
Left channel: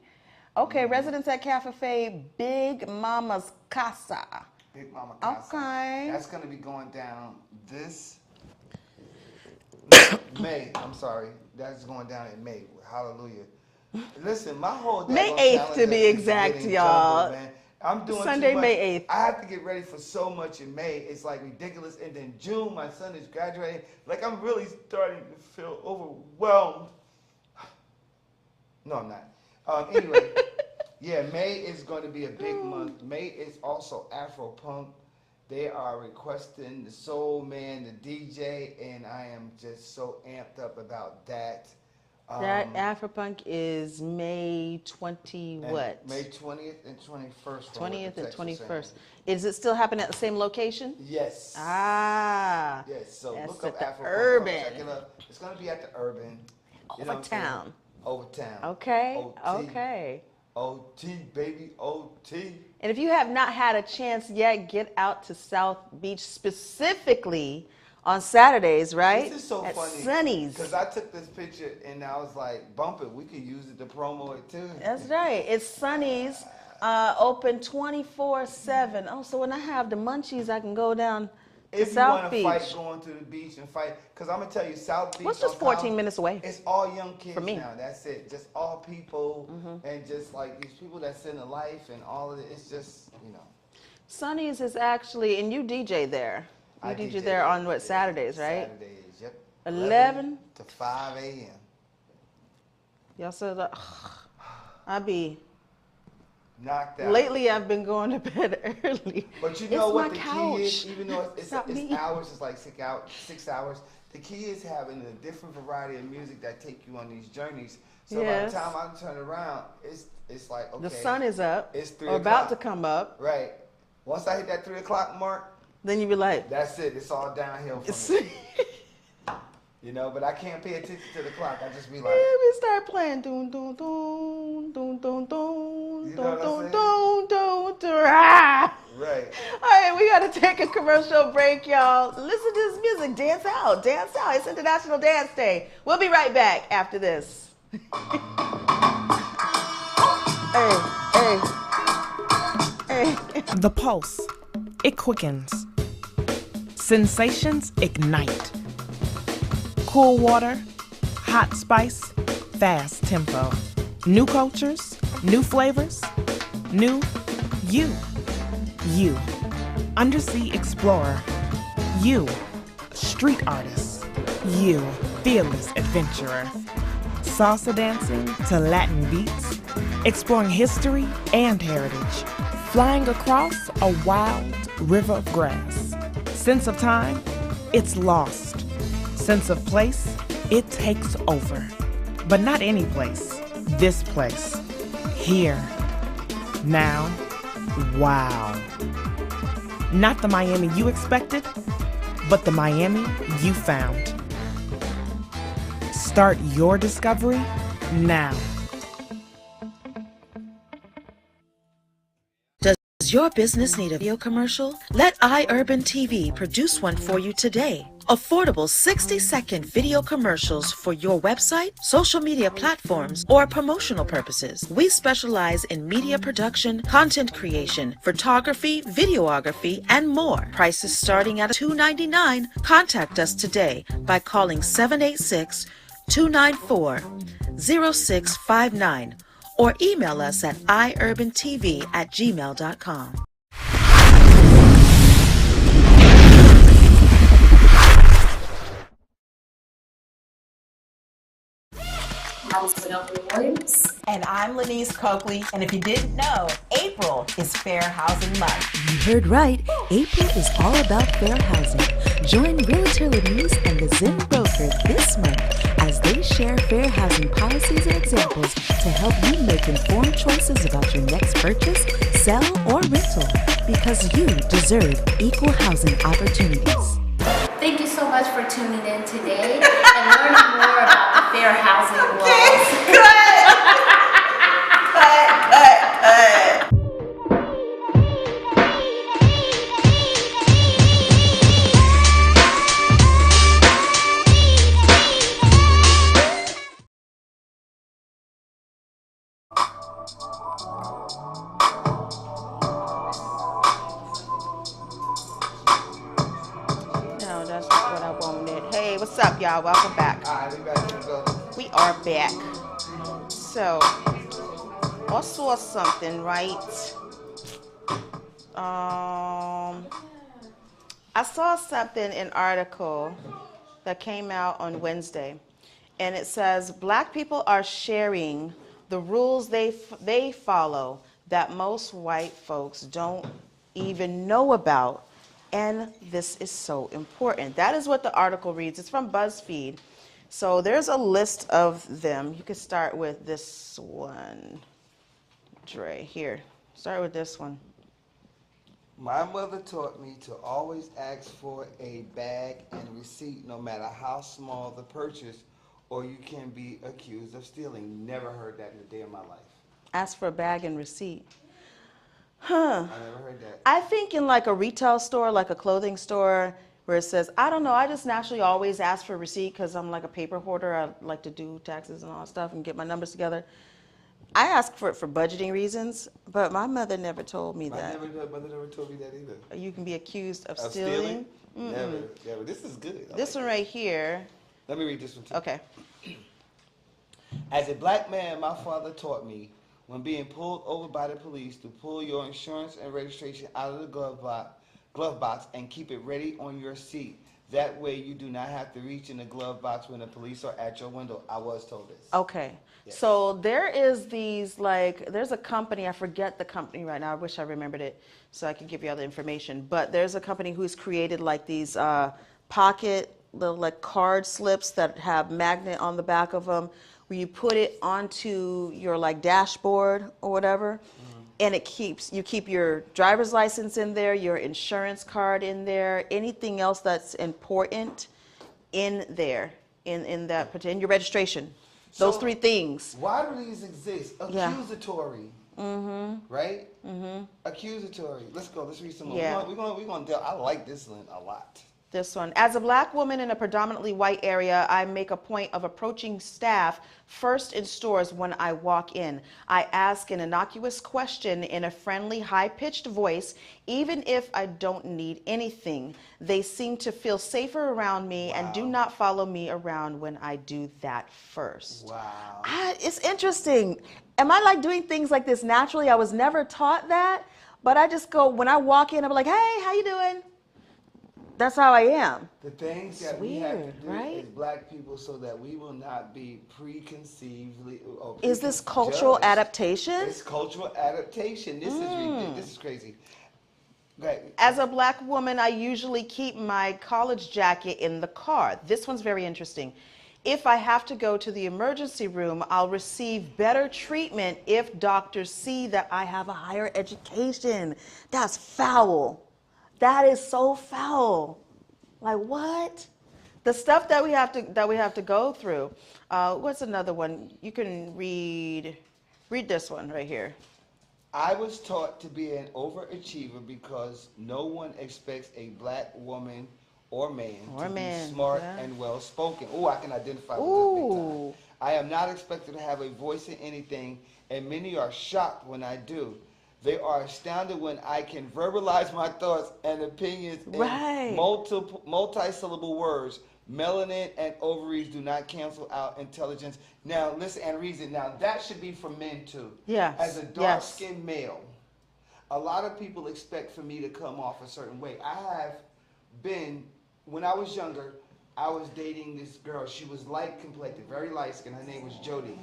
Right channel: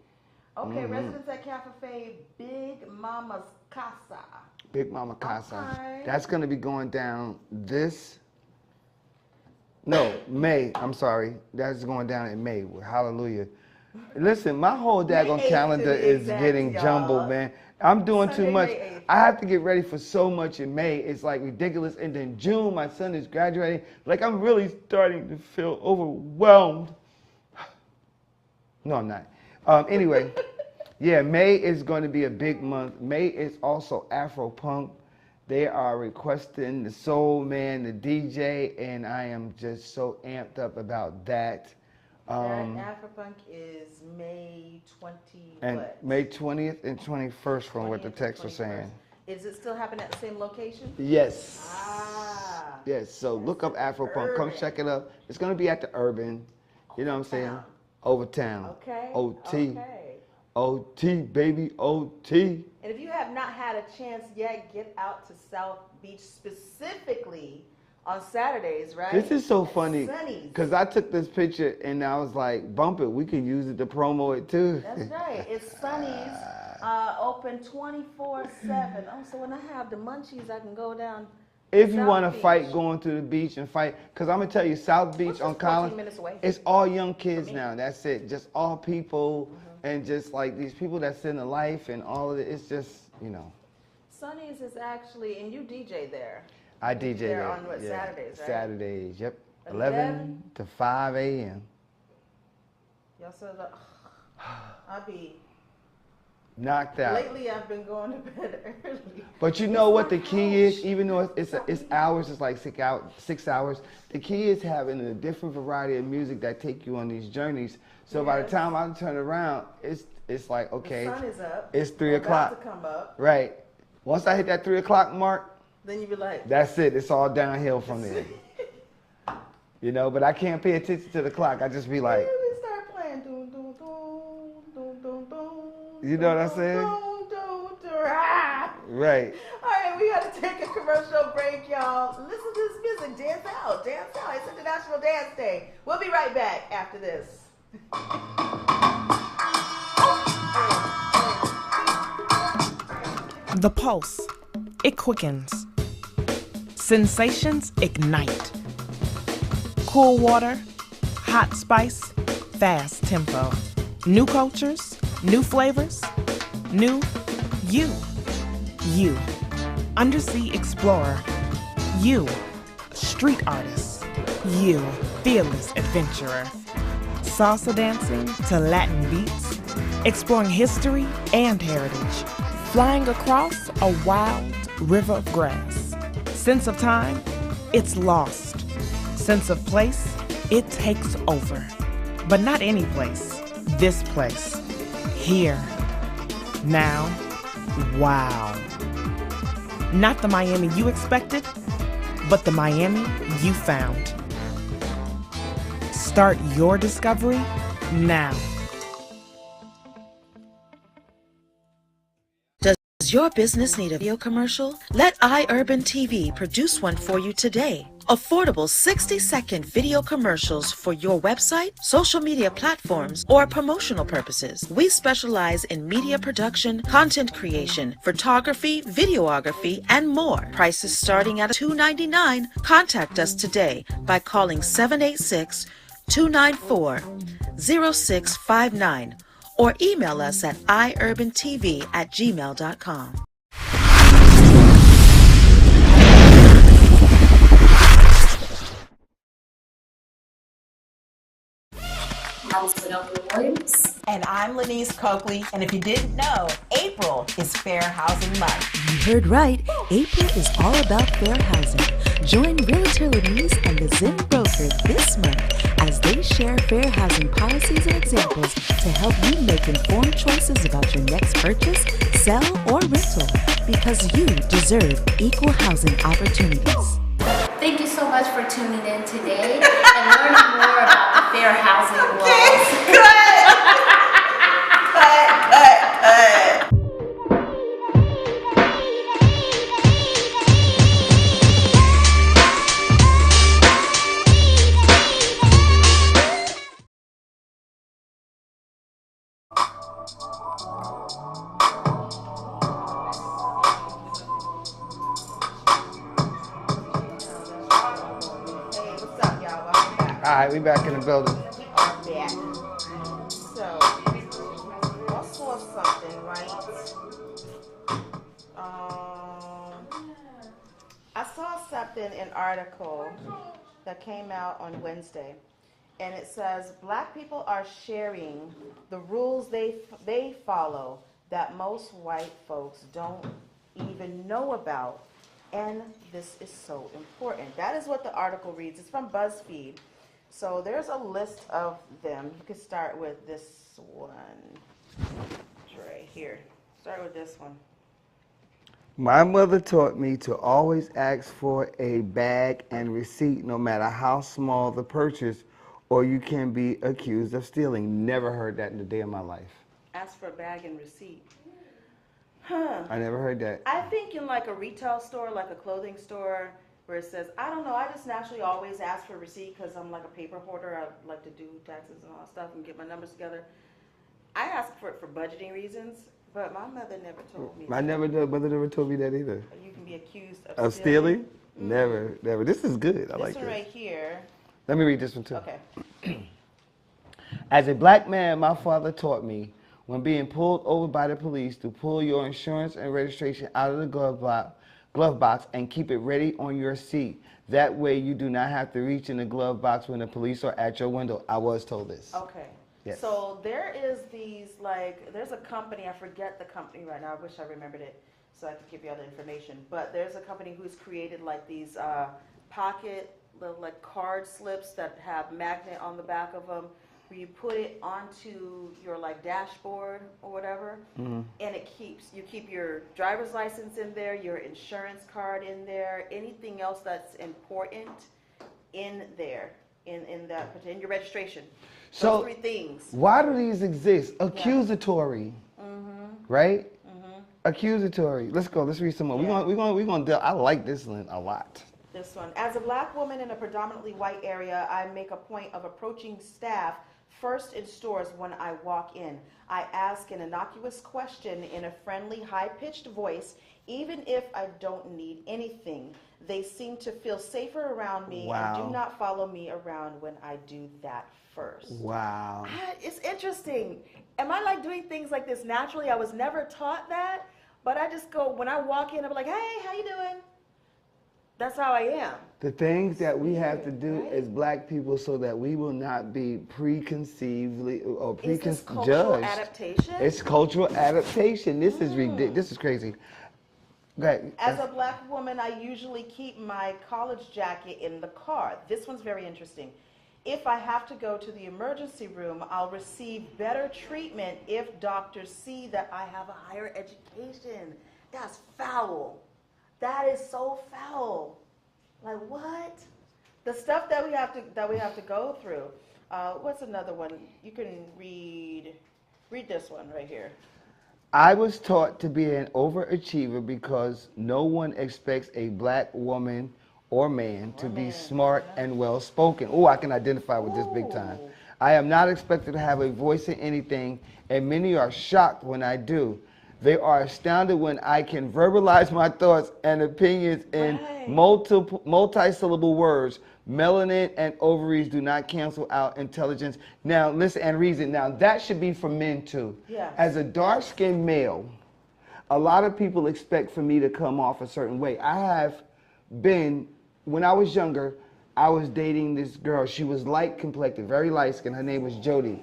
Okay, Mm-hmm. residents at Casa Fe, Big Mama's Casa. Big Mama Casa. Okay. That's going to be going down this. No, May. I'm sorry. That's going down in May. Hallelujah. Listen, my whole May daggone 8th to calendar be is exact, getting y'all. jumbled, man. I'm doing Sunday, too much. May 8th. I have to get ready for so much in May. It's like ridiculous. And then June, my son is graduating. Like, I'm really starting to feel overwhelmed. No, I'm not. Anyway, yeah, May is going to be a big month. May is also Afro Punk. They are requesting the Soul Man, the DJ, and I am just so amped up about that. That Afropunk is May 20 And what? May 20th and 21st from what the 20th and text was saying. 21st. Is it still happening at the same location? Yes. Ah. Yes, so Yes, look at up the Afro Punk. Urban. Come check it up. It's going to be at the Urban. You know what I'm saying? Overtown. Overtown. Okay. OT. Okay. OT, baby, OT. And if you have not had a chance yet, get out to South Beach specifically on Saturdays, right? This is so At funny. Sunny's. Because I took this picture and I was like, bump it. We can use it to promo it too. That's right. It's Sunny's, open 24/7. Oh, so when I have the munchies, I can go down to If you South want to Beach. fight, going to the beach and fight. Because I'm going to tell you, South Beach What's on just 14 Collins, minutes away? it's all young kids me. now. That's it. Just all people and just like these people that's in the life and all of it. It's just, you know. Sunny's is actually, and you DJ there. You I DJ DJ there on what, Saturdays, right? Saturdays, yep. 11 to 5 a.m. Y'all said, I be. Knocked out. Lately, I've been going to bed early. But you know It's what my the key is? couch. Even though it's Not me. hours, it's like 6 hours. The key is having a different variety of music that take you on these journeys. So by the Yes. time I turn around, it's like, okay. The sun is up. It's 3 or o'clock. about to come up. Right. Once I hit that 3 o'clock mark, Then you be like, that's it. It's all downhill from there. You know, but I can't pay attention to the clock. I just be like, yeah, we start playing. Doom, doom, doom, doom, doom, doom. You know what I'm saying? Doom, doom, doom, ah. right. All right, we got to take a commercial break, y'all. Listen to this music. Dance out. Dance out. It's International Dance Day. We'll be right back after this. Hey. The pulse, it quickens. Sensations ignite. Cool water, hot spice, fast tempo. New cultures, new flavors, new you. You, undersea explorer. You, street artist. You, fearless adventurer. Salsa dancing to Latin beats, exploring history and heritage, flying across a wild river of grass. Sense of time, it's lost. Sense of place, It takes over. But not any place. This place. Here. Now. Wow. Not the Miami you expected, but the Miami you found. Start your discovery now. Does your business need a video commercial? Let iUrban TV produce one for you today. Affordable 60-second video commercials for your website, social media platforms, or promotional purposes. We specialize in media production, content creation, photography, videography, and more. Prices starting at $2.99. Contact us today by calling 786-294-0659 or email us at iurbantv@gmail.com. And I'm Lyneise Coakley, and if you didn't know, April is Fair Housing Month. You heard right. April is all about fair housing. Join Realtor Lyneise and the Zen Broker this month as they share fair housing policies and examples to help you make informed choices about your next purchase, sell, or rental, because you deserve equal housing opportunities. Thank you so much for tuning in today and learning more about the fair housing laws. Hey, what's up, y'all? Welcome back. All right, we back in the building. We are back. So, I saw something, right? I saw something, an article that came out on Wednesday, and it says black people are sharing the rules they follow that most white folks don't even know about, and this is so important. That is what the article reads. It's from BuzzFeed. So there's a list of them. You could start with this one. Dre, here. Start with this one. My mother taught me to always ask for a bag and receipt no matter how small the purchase, or you can be accused of stealing. Never heard that in a day of my life. Ask for a bag and receipt. Huh. I never heard that. I think in like a retail store, like a clothing store, where it says, I don't know, I just naturally always ask for a receipt because I'm like a paper hoarder. I like to do taxes and all that stuff and get my numbers together. I ask for it for budgeting reasons, but my mother never told me that. My mother never told me that either. You can be accused of Of stealing? Never, never. This is good. I This like one this. right here. Let me read this one too. Okay. As a black man, my father taught me when being pulled over by the police to pull your insurance and registration out of the glove box and keep it ready on your seat. That way you do not have to reach in the glove box when the police are at your window. I was told this. Okay. Yes. So there is these, like, there's a company, I forget the company right now, I wish I remembered it so I could give you all the information, but there's a company who's created like these pocket little like card slips that have magnet on the back of them, where you put it onto your like dashboard or whatever, and it you keep your driver's license in there, your insurance card in there, anything else that's important in there, in that particular, your registration. Those So, three things. Why do these exist? Accusatory. Right? Accusatory. Let's go. Let's read some more. Yeah. We're going to I like this one a lot. This one. As a black woman in a predominantly white area, I make a point of approaching staff first in stores when I walk in. I ask an innocuous question in a friendly, high-pitched voice, even if I don't need anything. They seem to feel safer around me and do not follow me around when I do that first. Wow. It's interesting. Am I like doing things like this naturally? I was never taught that, but I just go, when I walk in, I'm like, hey, how you doing? That's how I am. The things that we have to do right? as black people so that we will not be preconceived or Is this cultural judged. adaptation? It's cultural adaptation. This is ridiculous. This is crazy. Go ahead. As a black woman, I usually keep my college jacket in the car. This one's very interesting. If I have to go to the emergency room, I'll receive better treatment if doctors see that I have a higher education. That's foul. That is so foul. Like what? The stuff that we have to go through. What's another one? You can read this one right here. I was taught to be an overachiever because no one expects a black woman or man to be smart and well-spoken. Oh, I can identify with this big time. I am not expected to have a voice in anything, and many are shocked when I do. They are astounded when I can verbalize my thoughts and opinions in multi-syllable words. Melanin and ovaries do not cancel out intelligence. Now, listen and reason. Now, that should be for men, too. Yes. As a dark-skinned male, a lot of people expect for me to come off a certain way. I have been, when I was younger, I was dating this girl. She was light-complected, very light-skinned. Her name was Jody.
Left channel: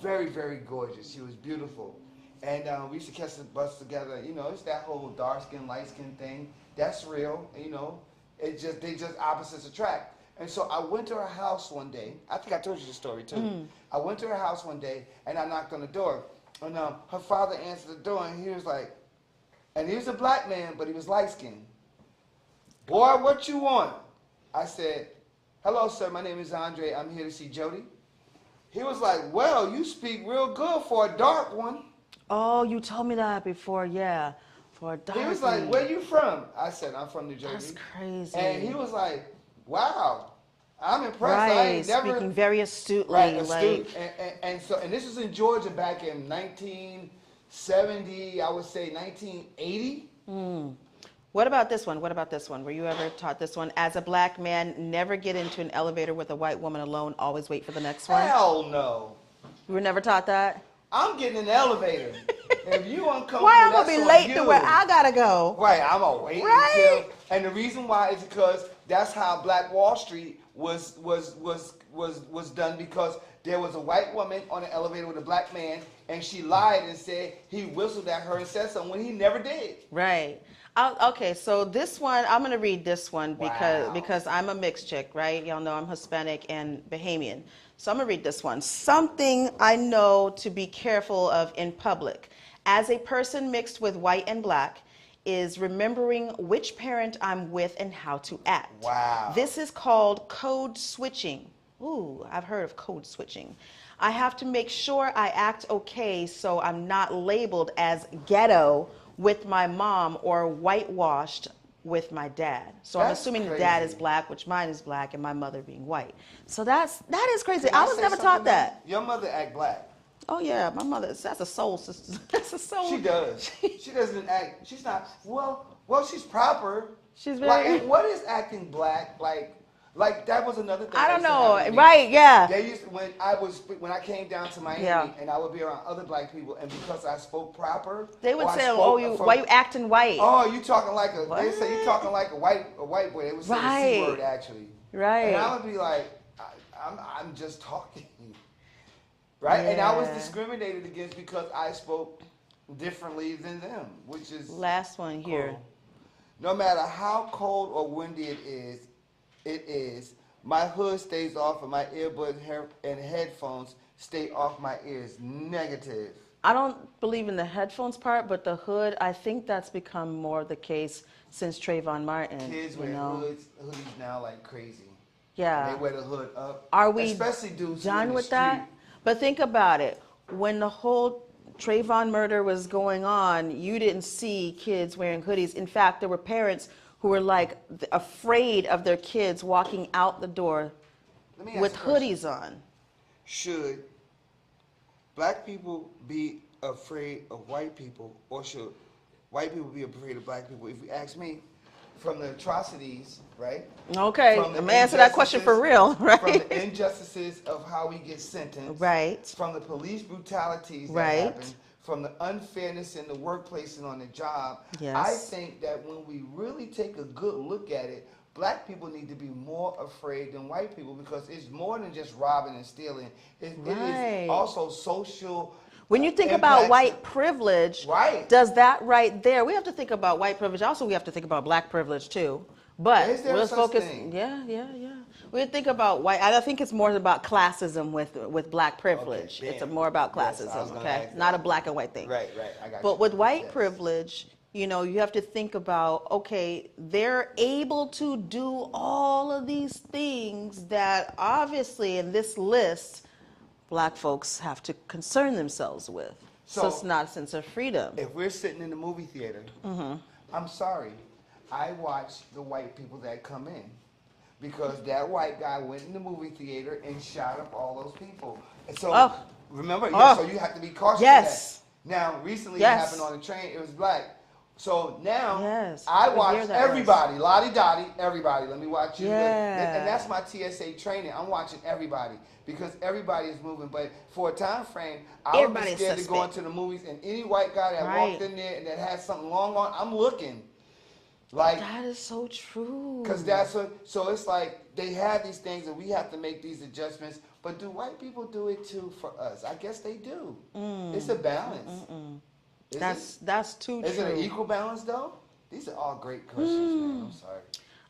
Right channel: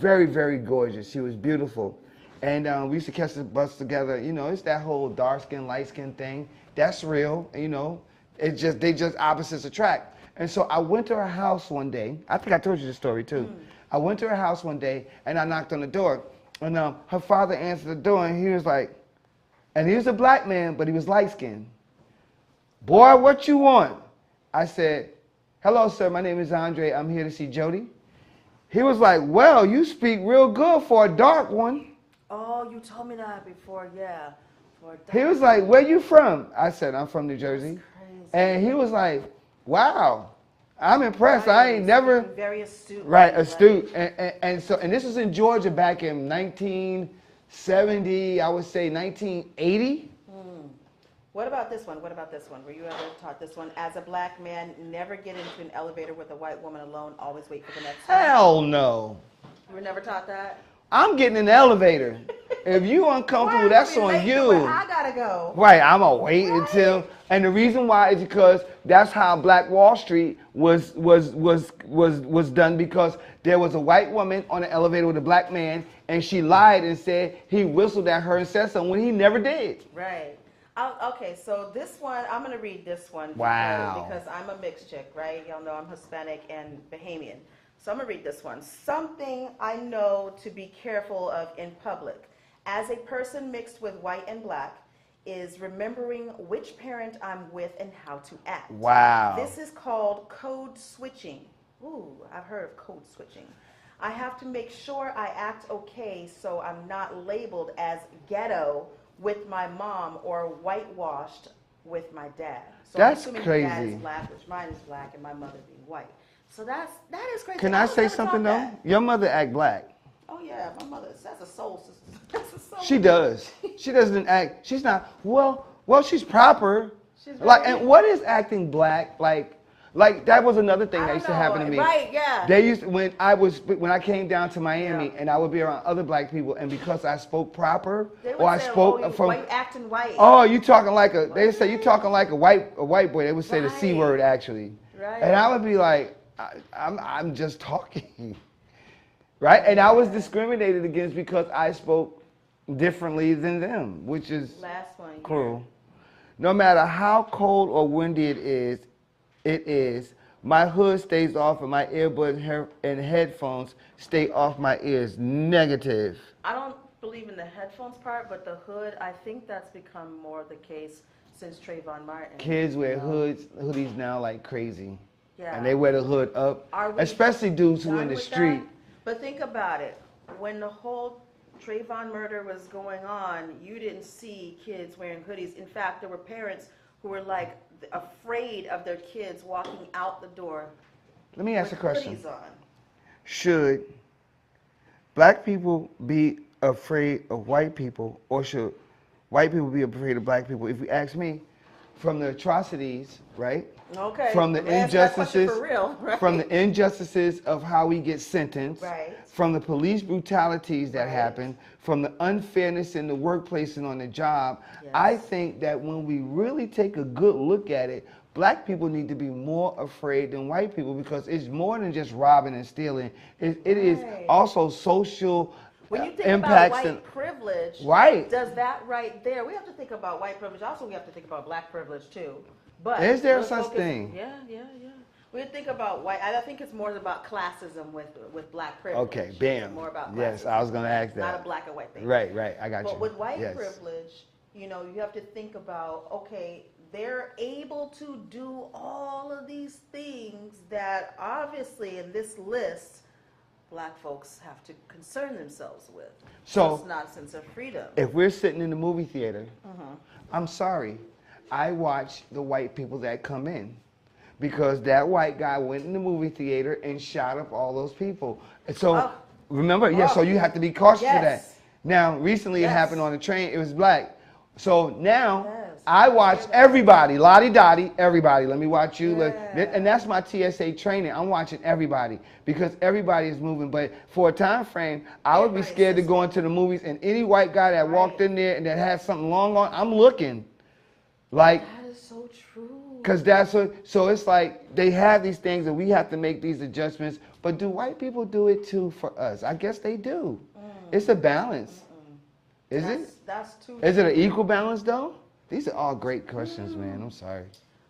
Very, very gorgeous. She was beautiful. And we used to catch the bus together. You know, it's that whole dark-skinned, light-skinned thing. That's real, you know. It's just, they just opposites attract. And so I went to her house one day. I think I told you this story too. I went to her house one day and I knocked on the door. And her father answered the door and he was like, and he was a black man, but he was light skinned. Boy, what you want? I said, hello, sir, my name is Andre. I'm here to see Jody. He was like, well, you speak real good for a dark one. Oh, you told me that before, yeah. For a dark He was like, where you from? I said, I'm from New Jersey. That's crazy. And he was like, wow, I'm impressed. Right, I ain't never. Speaking very astute. Right, astute. Like, and this was in Georgia back in 1970, I would say 1980. What about this one? What about this one? Were you ever taught this one? As a black man, never get into an elevator with a white woman alone. Always wait for the next one. Hell no. You were never taught that? I'm getting in the elevator. If you uncomfortable, that's on you. I gotta go. Right, I'm gonna wait until. And the reason why is because that's how Black Wall Street was done, because there was a white woman on the elevator with a black man, and she lied and said he whistled at her and said something when he never did. Right. Okay, so this one, I'm gonna read this one because I'm a mixed chick, right? Y'all know I'm Hispanic and Bahamian. So I'm gonna read this one. Something I know to be careful of in public. As a person mixed with white and black, is remembering which parent I'm with and how to act. Wow. This is called code switching. Ooh, I've heard of code switching. I have to make sure I act okay so I'm not labeled as ghetto with my mom or whitewashed with my dad. So I'm assuming his dad is black, which mine is black, and my mother being white. So that is crazy. Can I was say never something taught that. Your mother act black. Oh yeah, my mother, that's a soul sister. That's a soul. She does. She doesn't act, she's not, well, she's proper. She's like, and what is acting black? Like that was another thing that used to happen to me. Right, yeah. They used to, when I came down to Miami and I would be around other black people, and because I spoke proper, they would say, why you acting white? Oh, you talking like a, they say you talking like a white boy. They would say the C word actually. Right. And I would be like, I'm just talking. Right? Yeah. And I was discriminated against because I spoke differently than them, which is last one cool. Here. No matter how cold or windy it is, my hood stays off and my earbuds and headphones stay off my ears. Negative. I don't believe in the headphones part, but the hood, I think that's become more the case since Trayvon Martin. Kids wear hoodies now like crazy. Yeah. And they wear the hood up. Are we especially dudes who in the street. That? But think about it. When the whole Trayvon murder was going on, you didn't see kids wearing hoodies. In fact, there were parents who were like afraid of their kids walking out the door with hoodies on. Should black people be afraid of white people, or should white people be afraid of black people? If you ask me, from the atrocities, right? Okay, I'm gonna answer that question for real, right? From the injustices of how we get sentenced, right? From the police brutalities that happen, from the unfairness in the workplace and on the job, I think that when we really take a good look at it, black people need to be more afraid than white people, because it's more than just robbing and stealing. It is also social. When you think about white privilege, does that right there, we have to think about white privilege. Also, we have to think about black privilege too. But is there such thing? Yeah. We think about white. I think it's more about classism with black privilege. Okay, bam. It's more about classism. Yes, I was gonna ask that. Not a black and white thing. Right, I got you. But with white Yes. privilege, you know, you have to think about, okay, they're able to do all of these things that obviously in this list, black folks have to concern themselves with. So it's not a sense of freedom. If we're sitting in the movie theater, I'm sorry, I watch the white people that come in. Because that white guy went in the movie theater and shot up all those people. And so, remember, so you have to be cautious of that. Now, recently it happened on the train, it was black. So now, I watch everybody, lottie-dottie, everybody. Let me watch you. And that's my TSA training. I'm watching everybody because everybody is moving. But for a time frame, I would be scared to go into the movies and any white guy that walked in there and that had something long on, I'm looking. Like, that is so true. Because that's what, so it's like they have these things and we have to make these adjustments. But do white people do it too for us? I guess they do. It's a balance. Is it? That's too Is it an equal balance though? These are all great questions, man. I'm sorry.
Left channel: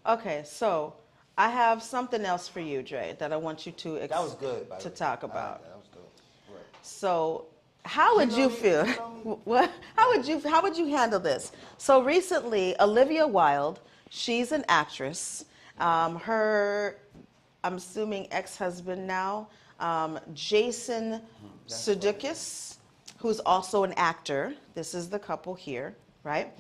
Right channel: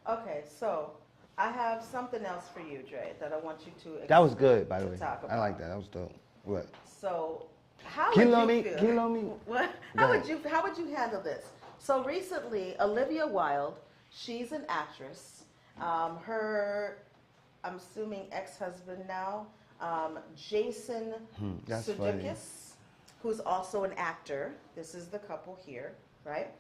Okay, so I have something else for you, Dre, that I want you to that was good, by the way. talk about. I like that. That was dope. What? So how would you feel? You know me? What? How would you handle this? So recently, Olivia Wilde, she's an actress. Her, I'm assuming ex-husband now, Jason Sudeikis, who's also an actor. This is the couple here, right?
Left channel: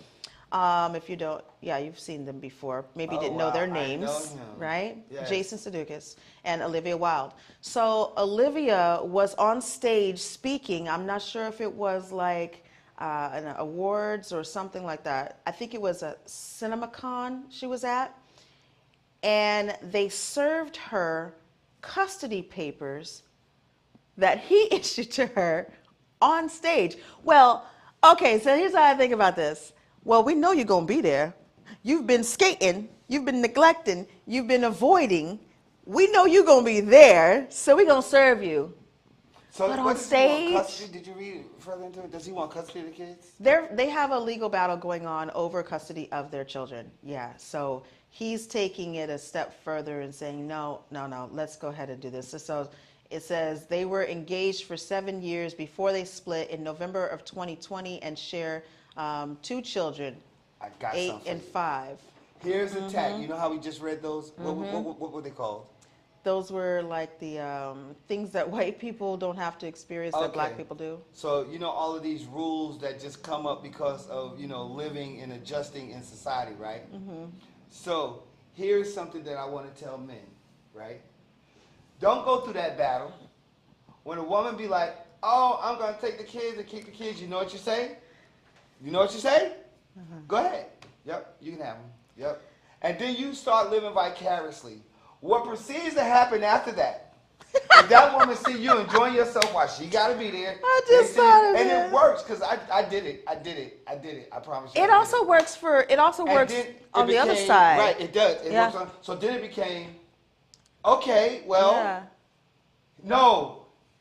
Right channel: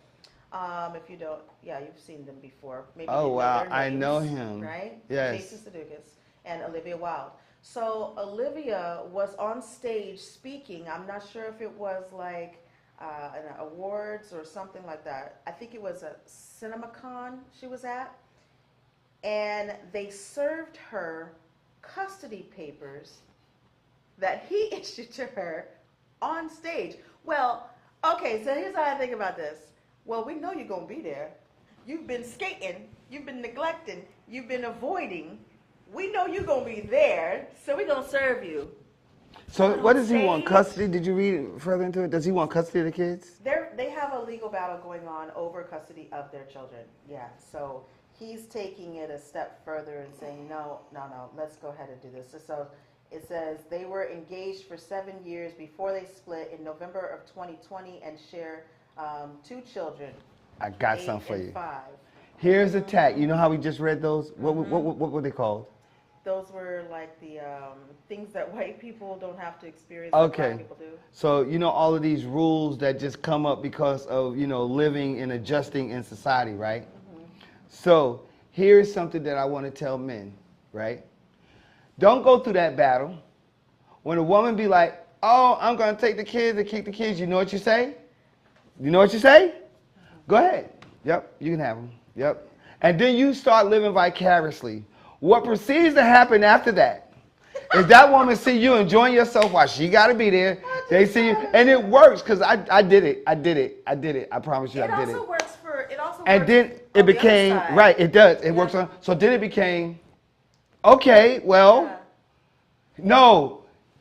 If you don't, you've seen them before. Maybe you didn't know their names. I know him. Right? Yes. Jason Sudeikis and Olivia Wilde. So Olivia was on stage speaking. I'm not sure if it was like an awards or something like that. I think it was a CinemaCon she was at. And they served her custody papers that he issued to her on stage. Well, okay, so here's how I think about this. Well, we know you're going to be there. You've been skating. You've been neglecting. You've been avoiding. We know you're going to be there, so we're going to serve you. So what does he want? Custody? Did you read further into it? Does he want custody of the kids? They have a legal battle going on over custody of their children. Yeah, so he's taking it a step further and saying, no, let's go ahead and do this. So it says they were engaged for 7 years before they split in November of 2020 and share 2 children. I got 8 something for and you. 5. Here's a tag. You know how we just read those? What were they called? Those were like the things that white people don't have to experience that black people do. So, you know, all of these rules that just come up because of, you know, living and adjusting in society, right? So here's something that I want to tell men, right? Don't go through that battle. When a woman be like, oh, I'm going to take the kids and keep the kids, you know what you say? You know what you say? Go ahead. Yep, you can have them. Yep. And then you start living vicariously. What proceeds to happen after that? If that woman see you enjoying yourself while she got to be there, they see you, and it works because I did it. I promise you. It also works for. It also works. And then it on became the other side. right. It does. It works on. So then it became, okay. Well, no.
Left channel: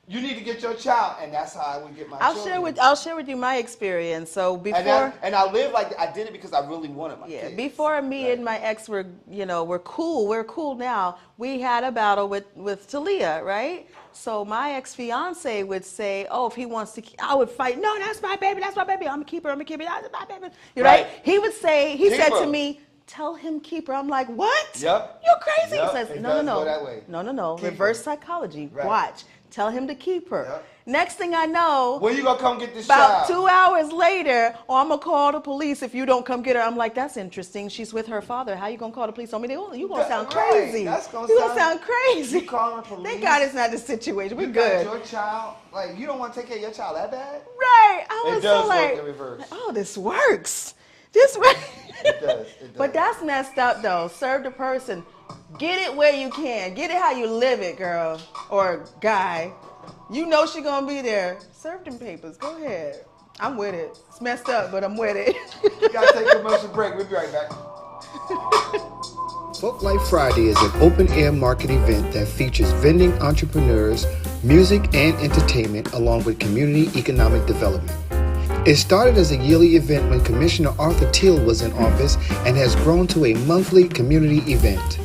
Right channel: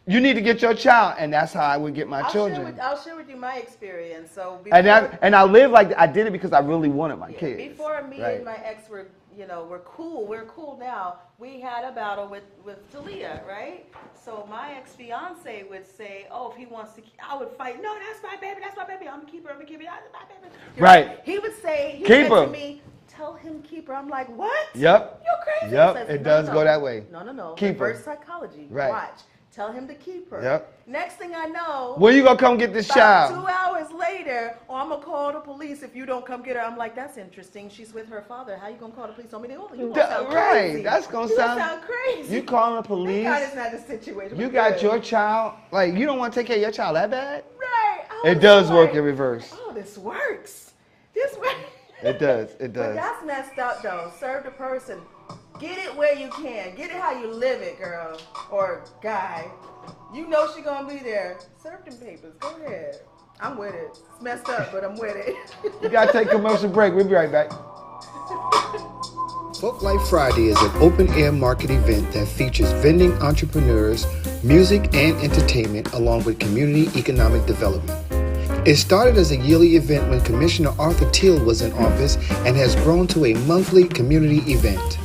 You need to get your child, and that's how I would get my children. I'll share with you my experience. So before, and I live like I did it because I really wanted my kids. Before me and my ex were, we're cool. We're cool now. We had a battle with Talia, right? So my ex-fiance would say, "Oh, if he wants to, I would fight. No, that's my baby. That's my baby. I'm gonna keep her. I'm gonna keep her. That's my baby." Right? He would say, he said to me, "Tell him keep her." I'm like, "What? Yep. You're crazy." Yep. He says, It does go that way. No. Keep Reverse her. psychology. Right. Watch. Tell him to keep her. Yep. Next thing I know, when you gonna come get this about child? 2 hours later, I'm gonna call the police if you don't come get her. I'm like, that's interesting. She's with her father. How you gonna call the police on me? You gonna sound crazy. That's gonna sound crazy. You calling the police? Thank God it's not the situation. You got your child. Like you don't want to take care of your child that bad? Right. It does work in reverse. Oh, this works. This works. It does. It does. But that's messed up though. Serve the person. Get it where you can. Get it how you live it, girl or guy. You know she gonna be there. Serve them papers. Go ahead. I'm with it. It's messed up, but I'm with it. You gotta take a commercial break. We'll be right back. Folk Life Friday is an open-air market event that features vending entrepreneurs, music and entertainment, along with community economic development. It started as a yearly event when Commissioner Arthur Teal was in office and has grown to a monthly community event.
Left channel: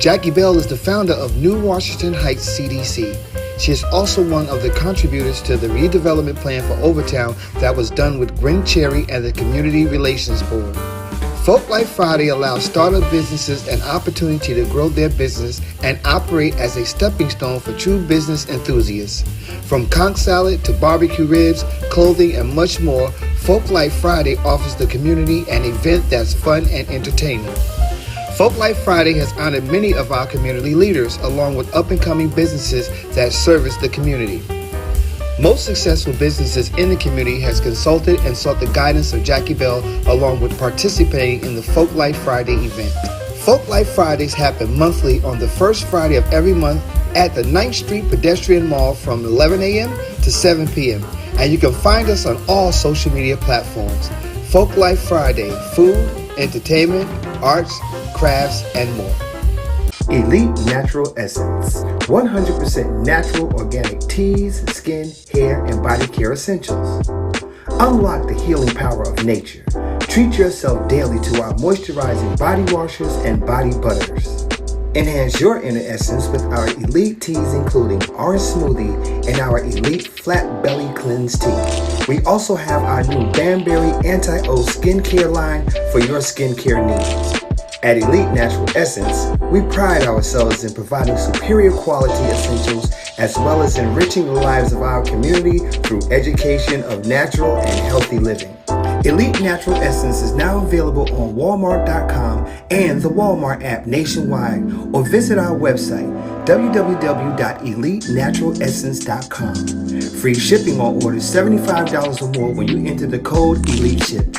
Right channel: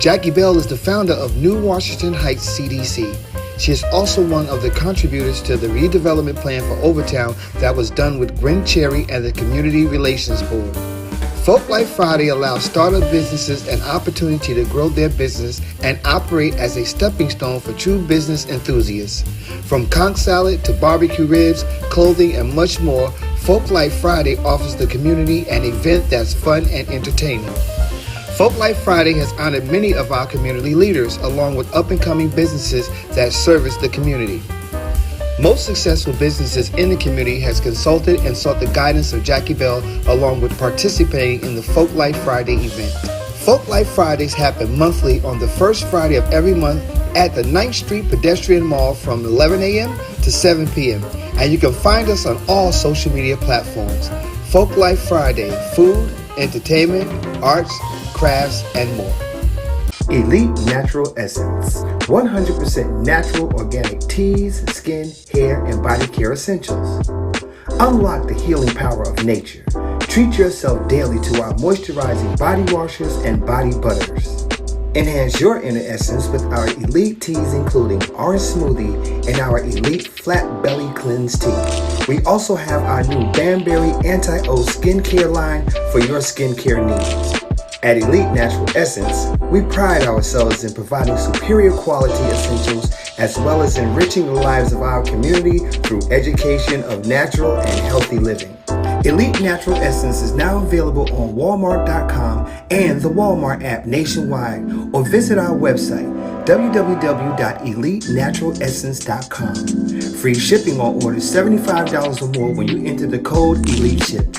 Jackie Bell is the founder of New Washington Heights CDC. She is also one of the contributors to the redevelopment plan for Overtown that was done with Gwen Cherry and the Community Relations Board. Folk Life Friday allows startup businesses an opportunity to grow their business and operate as a stepping stone for true business enthusiasts. From conch salad to barbecue ribs, clothing, and much more, Folk Life Friday offers the community an event that's fun and entertaining. Folk Life Friday has honored many of our community leaders, along with up-and-coming businesses that service the community. Most successful businesses in the community has consulted and sought the guidance of Jackie Bell, along with participating in the Folk Life Friday event. Folk Life Fridays happen monthly on the first Friday of every month at the 9th Street Pedestrian Mall from 11 a.m. to 7 p.m. And you can find us on all social media platforms. Folk Life Friday, food, entertainment, arts, crafts, and more. Elite Natural Essence, 100% natural organic teas, skin, hair, and body care essentials. Unlock the healing power of nature. Treat yourself daily to our moisturizing body washes and body butters. Enhance your inner essence with our elite teas, including orange smoothie and our elite flat belly cleanse tea. We also have our new Banberry Anti-O skincare line for your skincare needs. At Elite Natural Essence, we pride ourselves in providing superior quality essentials as well as enriching the lives of our community through education of natural and healthy living. Elite Natural Essence is now available on Walmart.com and the Walmart app nationwide, or visit our website www.elitenaturalessence.com. Free shipping on orders $75 or more when you enter the code ELITESHIP.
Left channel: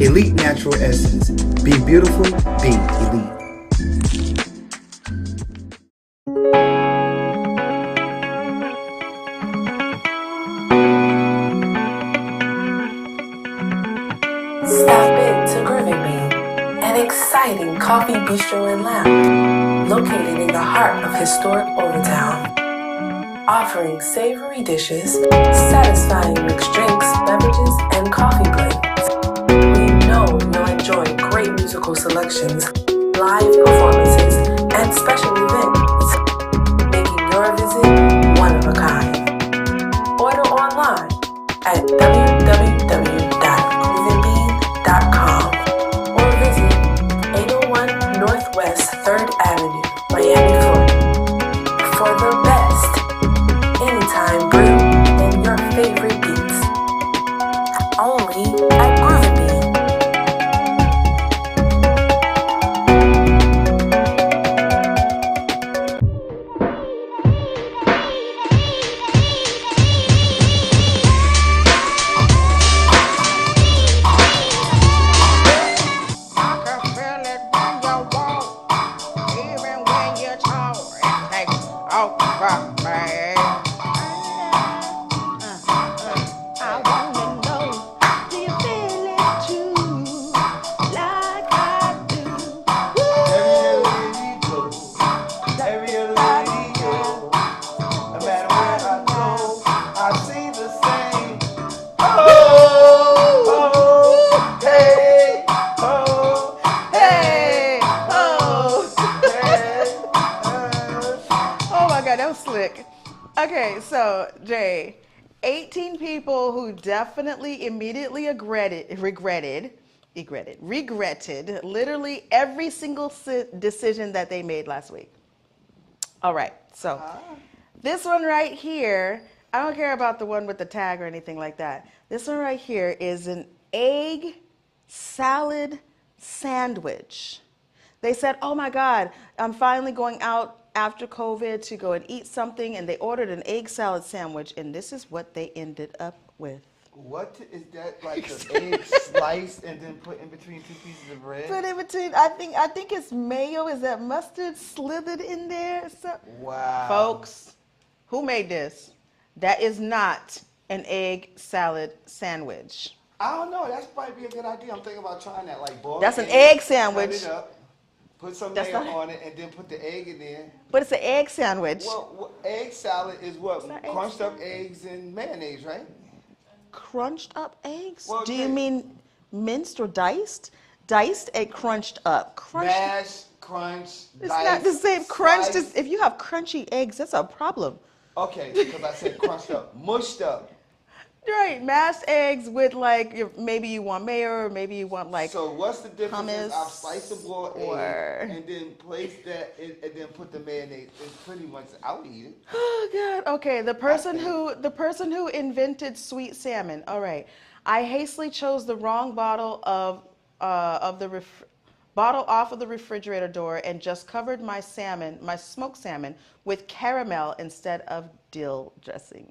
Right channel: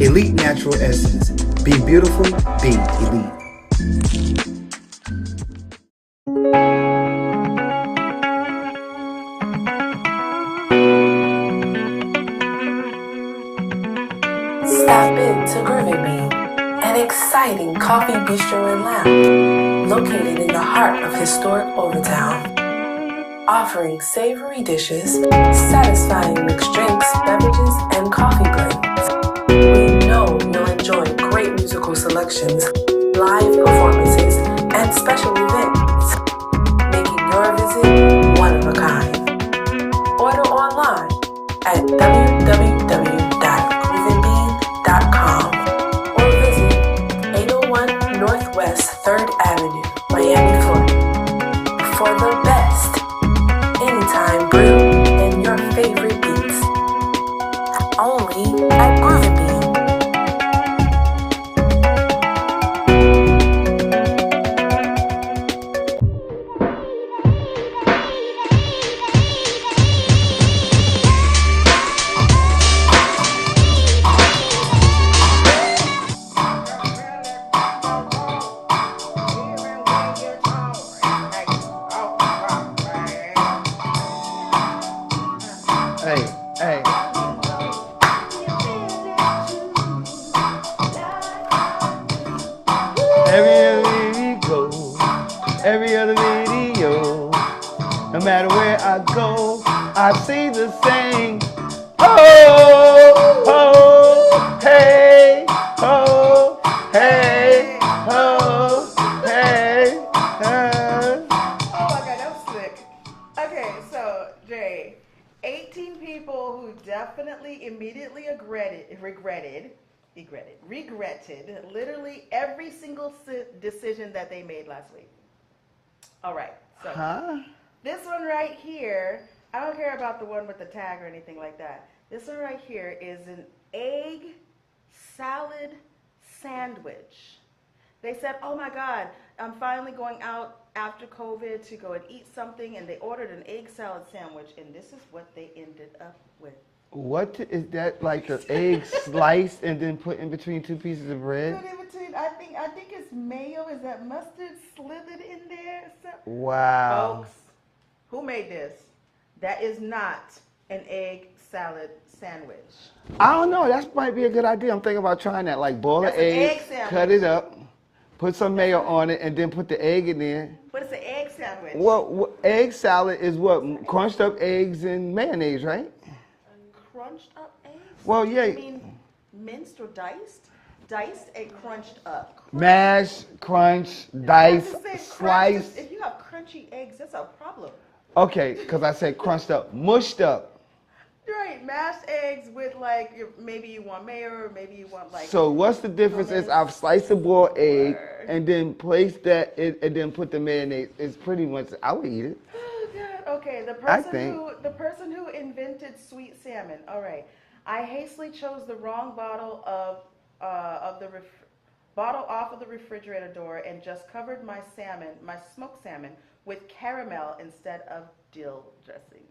Elite Natural Essence. Be beautiful, be elite. Stop into Groovy Bean, an exciting coffee bistro and lounge located in the heart of historic Overtown. Offering savory dishes, satisfying mixed drinks, beverages, and coffee blends. We know you'll enjoy great musical selections, live performances, and special events, making your visit one of a kind. Order online at www.groovybean.com or visit 801 Northwest 3rd Avenue, Miami, Florida, for the best anytime brew and your favorite beats. Only at Groovy Bean. Regretted literally every single decision that they made last week. All right, so this one right here, I don't care about the one with the tag or anything like that. This one right here is an egg salad sandwich. They said, oh my God, I'm finally going out after COVID to go and eat something, and they ordered an egg salad sandwich, and this is what they ended up with. What is that, like an egg sliced and then put in between two pieces of bread? Put in between, I think it's mayo. Is that mustard slithered in there? So, wow. Folks, who made this? That is not an egg salad sandwich. I don't know. That might be a good idea. I'm thinking about trying that. Like boil That's an an egg sandwich. Cut it up, put some mayo on it, and then put the egg in there. But it's an egg sandwich. Well, egg salad is what? Crunched up eggs and mayonnaise, right? Crunched up eggs? Well, Do you mean minced or diced? Diced egg crunched up. Mash, crunch, It's dice, not the same. Crunch. slice. If you have crunchy eggs, that's a problem. Okay, because I said crunched up, mushed up. Right, mashed eggs with like maybe you want mayo or maybe you want like. So what's the difference is I've sliced a boiled egg and then placed that and then put the mayonnaise. It's pretty much I would eat it. Oh God. Okay, the person who invented sweet salmon. All right, I hastily chose the wrong bottle of the bottle off of the refrigerator door and just covered my smoked salmon with caramel instead of dill dressing.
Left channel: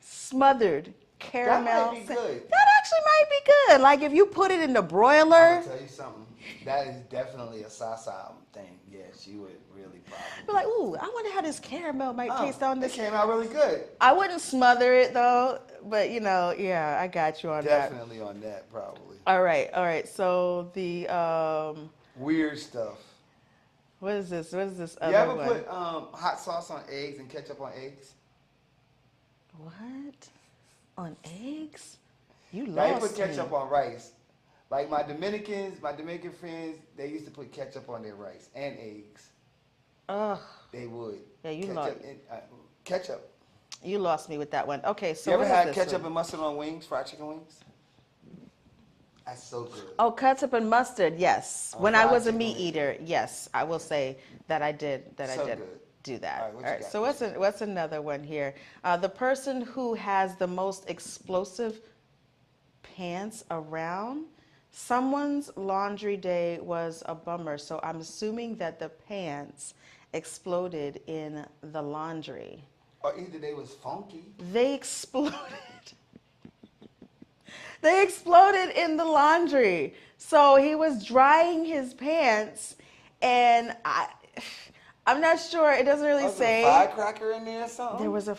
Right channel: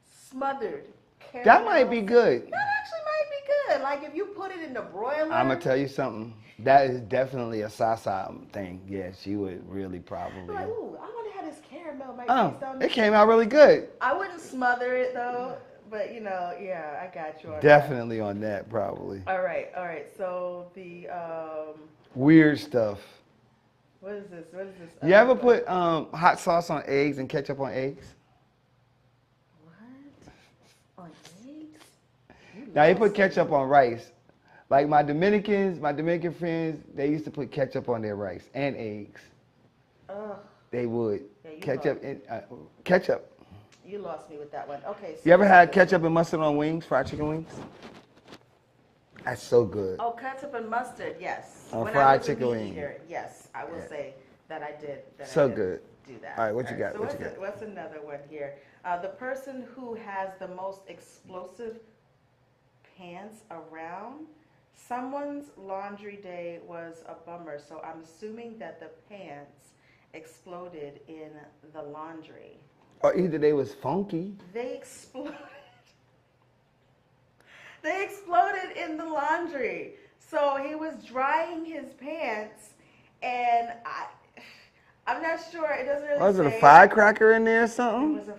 Smothered caramel. That might be good. That actually might be good. Like if you put it in the broiler. I'm gonna tell you something. That is definitely a Sasa thing. Yeah, she would really probably. Like, ooh, I wonder how this caramel might taste on this. It came out really good. I wouldn't smother it though, but you know, yeah, I got you on Definitely on that, probably. All right. So the weird stuff. What is this? You ever put hot sauce on eggs and ketchup on eggs? On eggs? Now you put ketchup on rice. Like my Dominican friends, they used to put ketchup on their rice and eggs. Ugh. They would. Yeah, Ketchup. You lost me with that one. Okay, so you ever had ketchup and mustard on wings, fried chicken wings? That's so good. Oh, ketchup and mustard, yes. When I was a meat eater, yes, I will say that I did. Good. Do that. All right, what you got? So what's another one here? The person who has the most explosive pants around. Someone's laundry day was a bummer, so I'm assuming that the pants exploded in the laundry. Or either they was funky. They exploded. They exploded in the laundry. So he was drying his pants, and I'm not sure. It doesn't really say. Was there a firecracker in there or something? There was a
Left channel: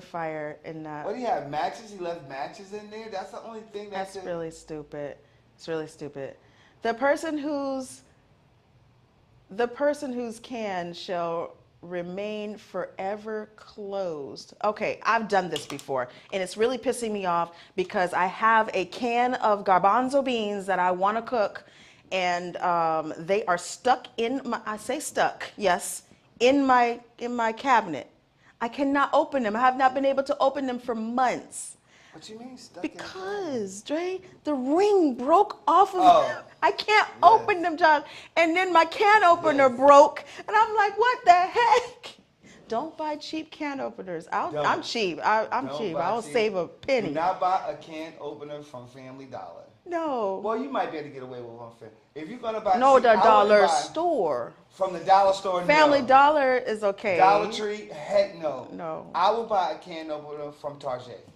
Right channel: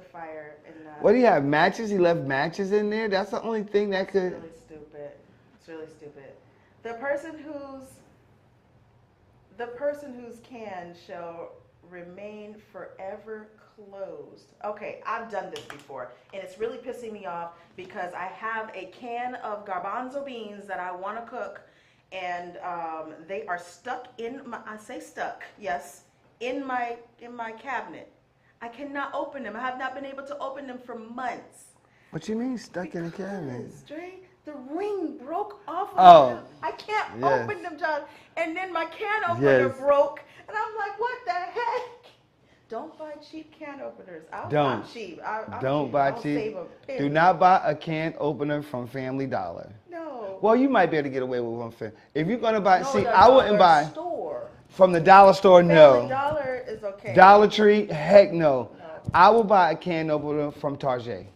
fire. In. What do you have? Matches? He left matches in there. That's the only thing that could. That's really stupid. It's really stupid. The person whose can shall remain forever closed. Okay, I've done this before, and it's really pissing me off because I have a can of garbanzo beans that I want to cook. And they are stuck in my, in my cabinet. I cannot open them. I have not been able to open them for months. What you mean stuck in the cabinet? Because, Dre, the ring broke off of them. I can't open them, John. And then my can opener broke. And I'm like, what the heck? Don't buy cheap can openers. I'm cheap. I'm cheap. I'll save a penny. Do not buy a can opener from Family Dollar. No. Well, you might be able to get away with one thing. If you're going to buy, I wouldn't buy store. From the dollar store, Family Dollar is okay. Dollar Tree, heck no. No. I would buy a can opener from Target.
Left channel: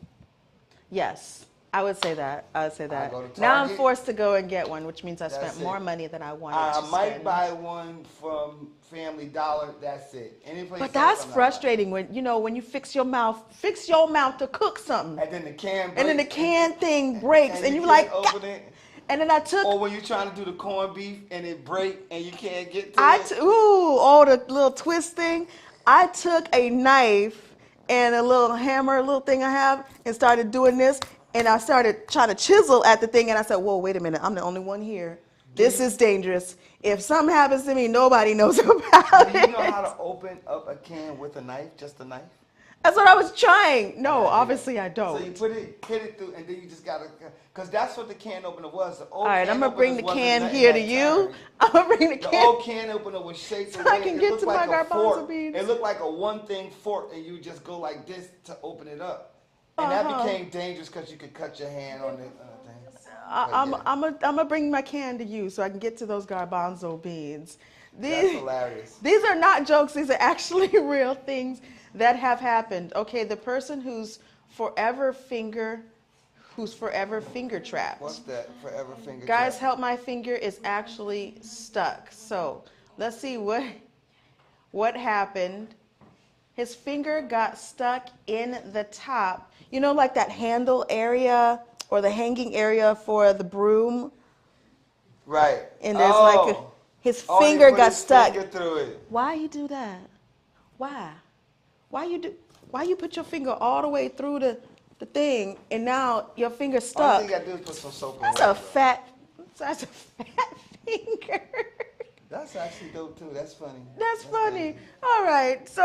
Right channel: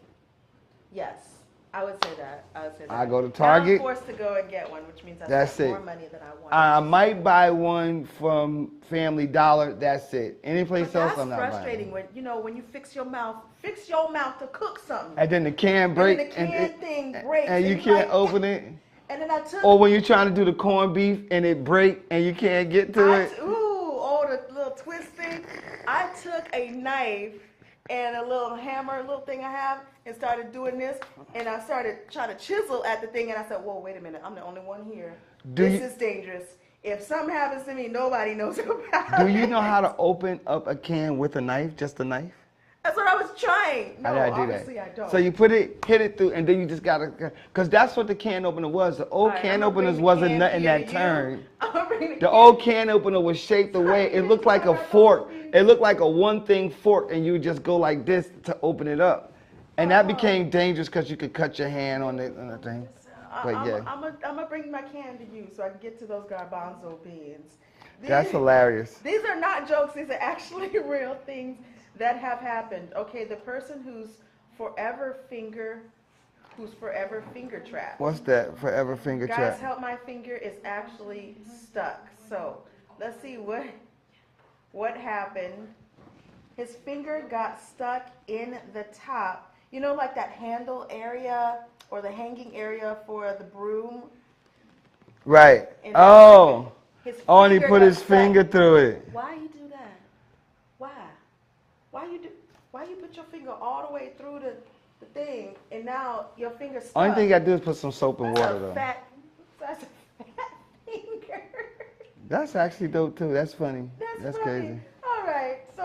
Yes, I would say that. I go to Target. Now I'm forced to go and get one, which means I spent more money than I wanted. I might buy one from Family Dollar. That's it. Any place else. But that's frustrating when when you fix your mouth to cook something. And then the can breaks. And then the can thing breaks, and you can't like open it. And then I took. Or when you're trying to do the corned beef and it breaks and you can't get to it. The little twist thing. I took a knife and a little hammer, a little thing I have, and started doing this. And I started trying to chisel at the thing, and I said, whoa, wait a minute, I'm the only one here. This is dangerous. If something happens to me, nobody knows about it. Do you know how to open up a can with a knife, just a knife? That's what I was trying. No, obviously I don't. So you hit it through, and then you just gotta, because that's what the can opener was. The old can openers wasn't nothing that turned. The old can opener was shaped the way it looked like a fork. It looked like a one-thing fork, and you just go like this to open it up. And that became dangerous because you could cut your hand on the thing. I'm gonna bring my can to you so I can get to those garbanzo beans. That's hilarious. These are not jokes. These are actually real things that have happened. Okay, the person who's forever finger trapped. What's that? Forever finger trapped. Guys, help, my finger is actually stuck. So let's see what happened. His finger got stuck in the top. You know, like that handle area or the hanging area for the broom? Right. And his and he finger put got his stuck. finger through it. Why you do that? Why you put your finger all the way through the thing, and now your finger's stuck. Only thing you gotta do is put some soap and water. That's a fat finger. That's actually dope too. That's funny. That's funny. Crazy. All right, so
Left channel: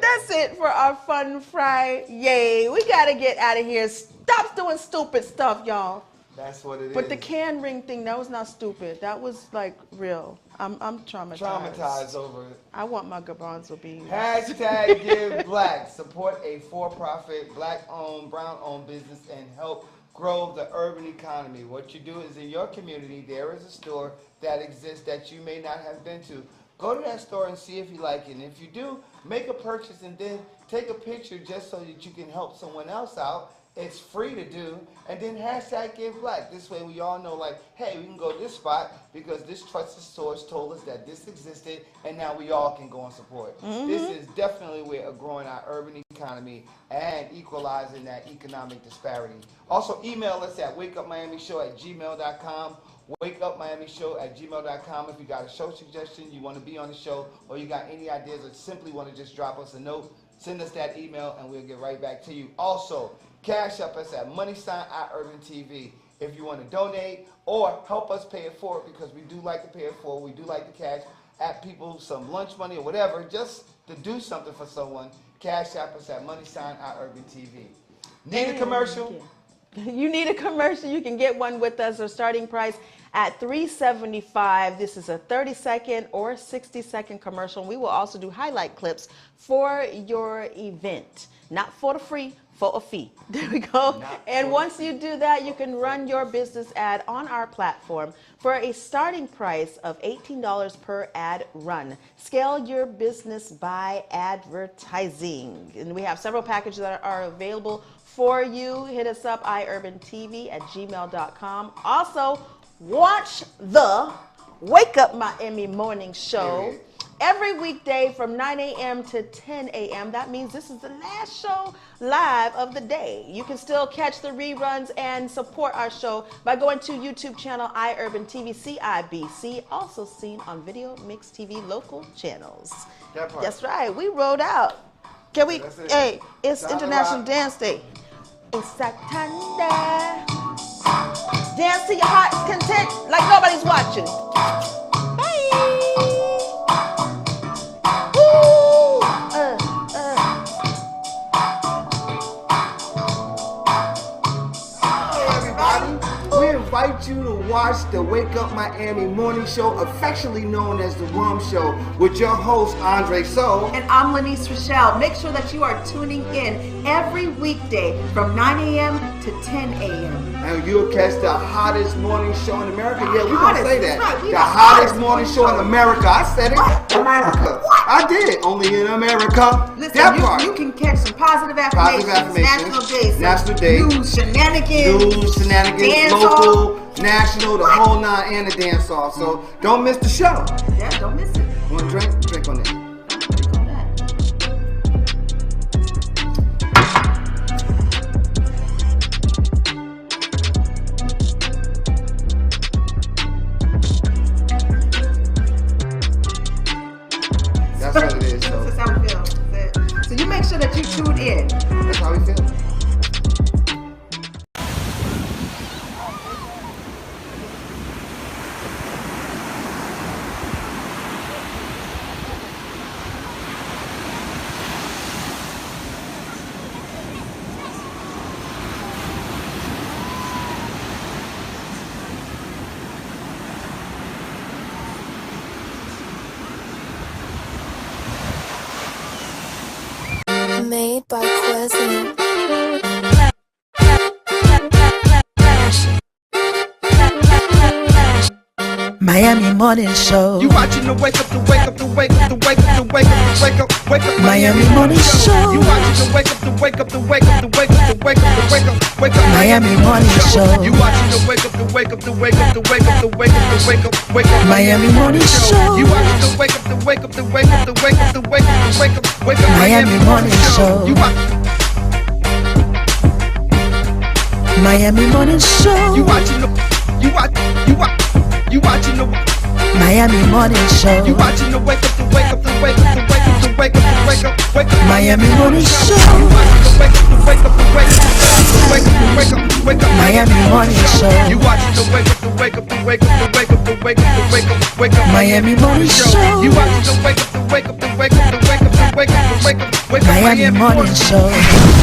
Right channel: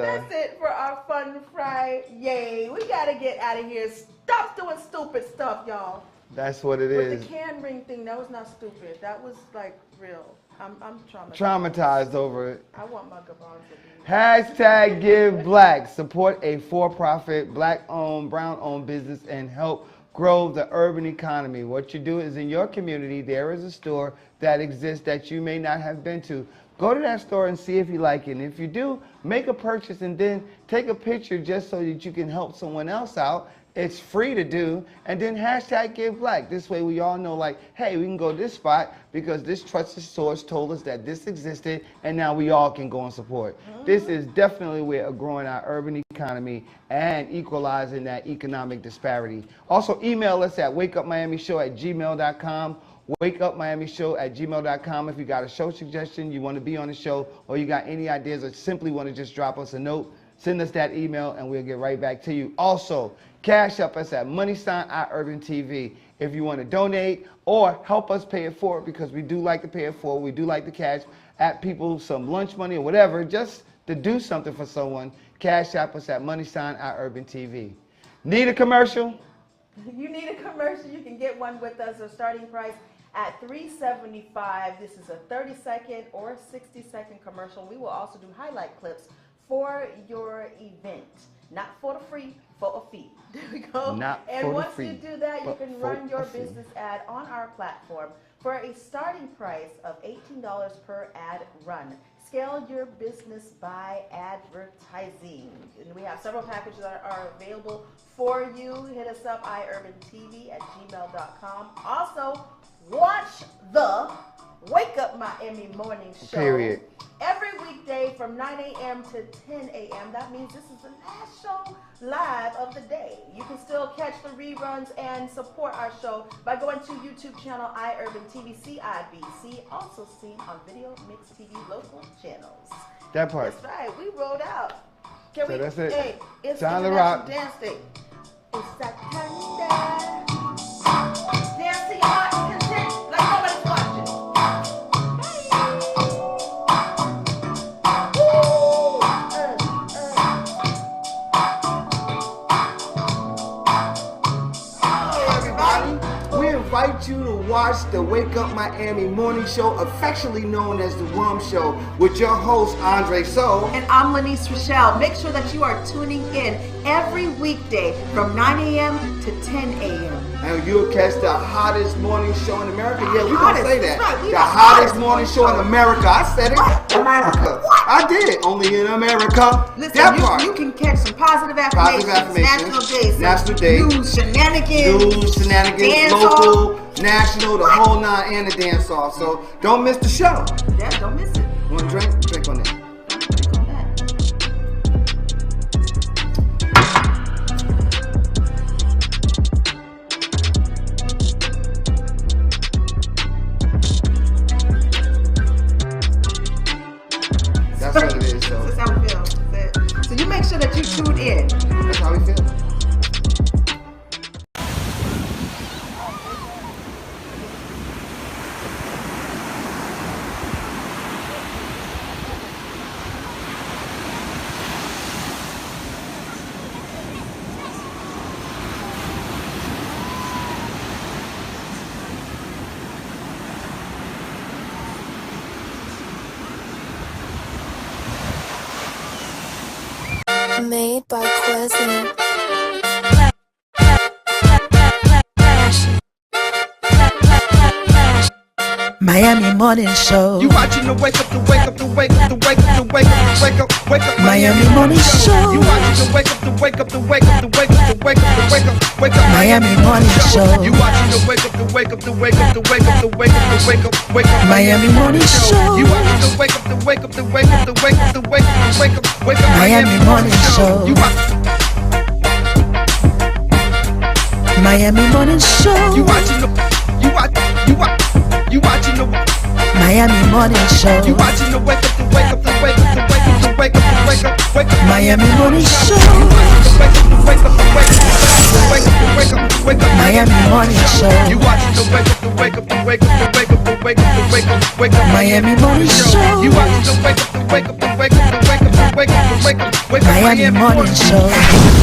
that's it for our Fun Friday. We gotta get out of here. Stop doing stupid stuff, y'all. That's what it is. But the can ring thing, that was not stupid. That was like real. I'm traumatized. Traumatized over it. I want my garbanzo beans. Hashtag Give Black. Support a for-profit, black-owned, brown-owned business and help grow the urban economy. What you do is in your community, there is a store that exists that you may not have been to. Go to that store and see if you like it. And if you do, make a purchase and then take a picture just so that you can help someone else out. It's free to do. And then hashtag Give Black. This way we all know, like, hey, we can go to this spot because this trusted source told us that this existed, and now we all can go and support. This is definitely where growing our urban economy and equalizing that economic disparity. Also, email us at wakeupmiamishow@gmail.com. wakeupmiamishow@gmail.com. If you got a show suggestion, you want to be on the show, or you got any ideas, or simply want to just drop us a note, send us that email and we'll get right back to you. Also, cash up us at #IUrbanTV if you want to donate or help us pay it forward, because we do like to pay it forward. We do like to cash at people some lunch money or whatever, just to do something for someone. Cash up us at #IUrbanTV. Need a commercial? You need a commercial, you can get one with us. Our starting price at $3.75. This is a 30-second or 60-second commercial. We will also do highlight clips for your event. Not for the free, for a fee. There we go. And once you do that, you can run your business ad on our platform for a starting price of $18 per ad run. Scale your business by advertising. And we have several packages that are available for you. Hit us up, iUrbanTV@gmail.com. Also, watch the Wake Up Miami morning show. Period. Every weekday from 9 a.m. to 10 a.m. That means this is the last show live of the day. You can still catch the reruns and support our show by going to YouTube channel iUrbanTV CIBC, also seen on Video Mix TV local channels. That part. That's right. We rolled out. Can we? That's it. Hey, it's Time to International rock. Dance Day. It's Saturday. Dance to your heart's content like nobody's watching. Invite you to watch the Wake Up Miami morning show, affectionately known as the Rum Show, with your host Andre So. And I'm Lyneise Rachelle. Make sure that you are tuning in every weekday from 9 a.m. to 10 a.m. And you'll catch the hottest morning show in America. Yeah, we're going to say that. Right, the hottest morning show in America. I said it. America. I did. Only in America. Listen, that part. You can catch some positive affirmations. National Days. News, shenanigans. Dance local, national, the whole nine, and the dance off. So don't miss the show. Yeah, don't miss it. Want a drink? Drink on it. Drink on that. That's what it is, so. That's how we feel. So you make sure that you tune in. That's how we feel. Made by Quezzy. Miami Morning Show. You watching the wake up, the wake up, the wake up, the wake up, the wake up, the wake up, wake up. Miami Morning Show. You watching the wake up, the wake up, the wake up, the wake up, the wake up, the wake up, wake up. Miami Morning Show. You watching the wake up, the wake up, the wake up, the wake up, the wake up, the wake up, wake up. Miami Morning Show. You watching the wake up, the wake up, the wake up, the wake up, the wake up, the wake up, wake up. Miami Morning Show. You Miami Morning Show. You watching the Miami Morning Show. You watching the wake up, the wake up, the wake up, the wake up, the wake up, the wake up, wake up. Miami Morning Show. You watching the wake up, the wake up, the wake up, the wake up, the wake up, the wake up. Miami Morning Show. You watch the wake up, the wake up, the wake up, the wake up, the wake up, the wake up, wake up. Miami Morning Show. You watch the wake up, the wake up, the wake up, the wake up, the wake up, the wake up, wake up. Miami Morning Show.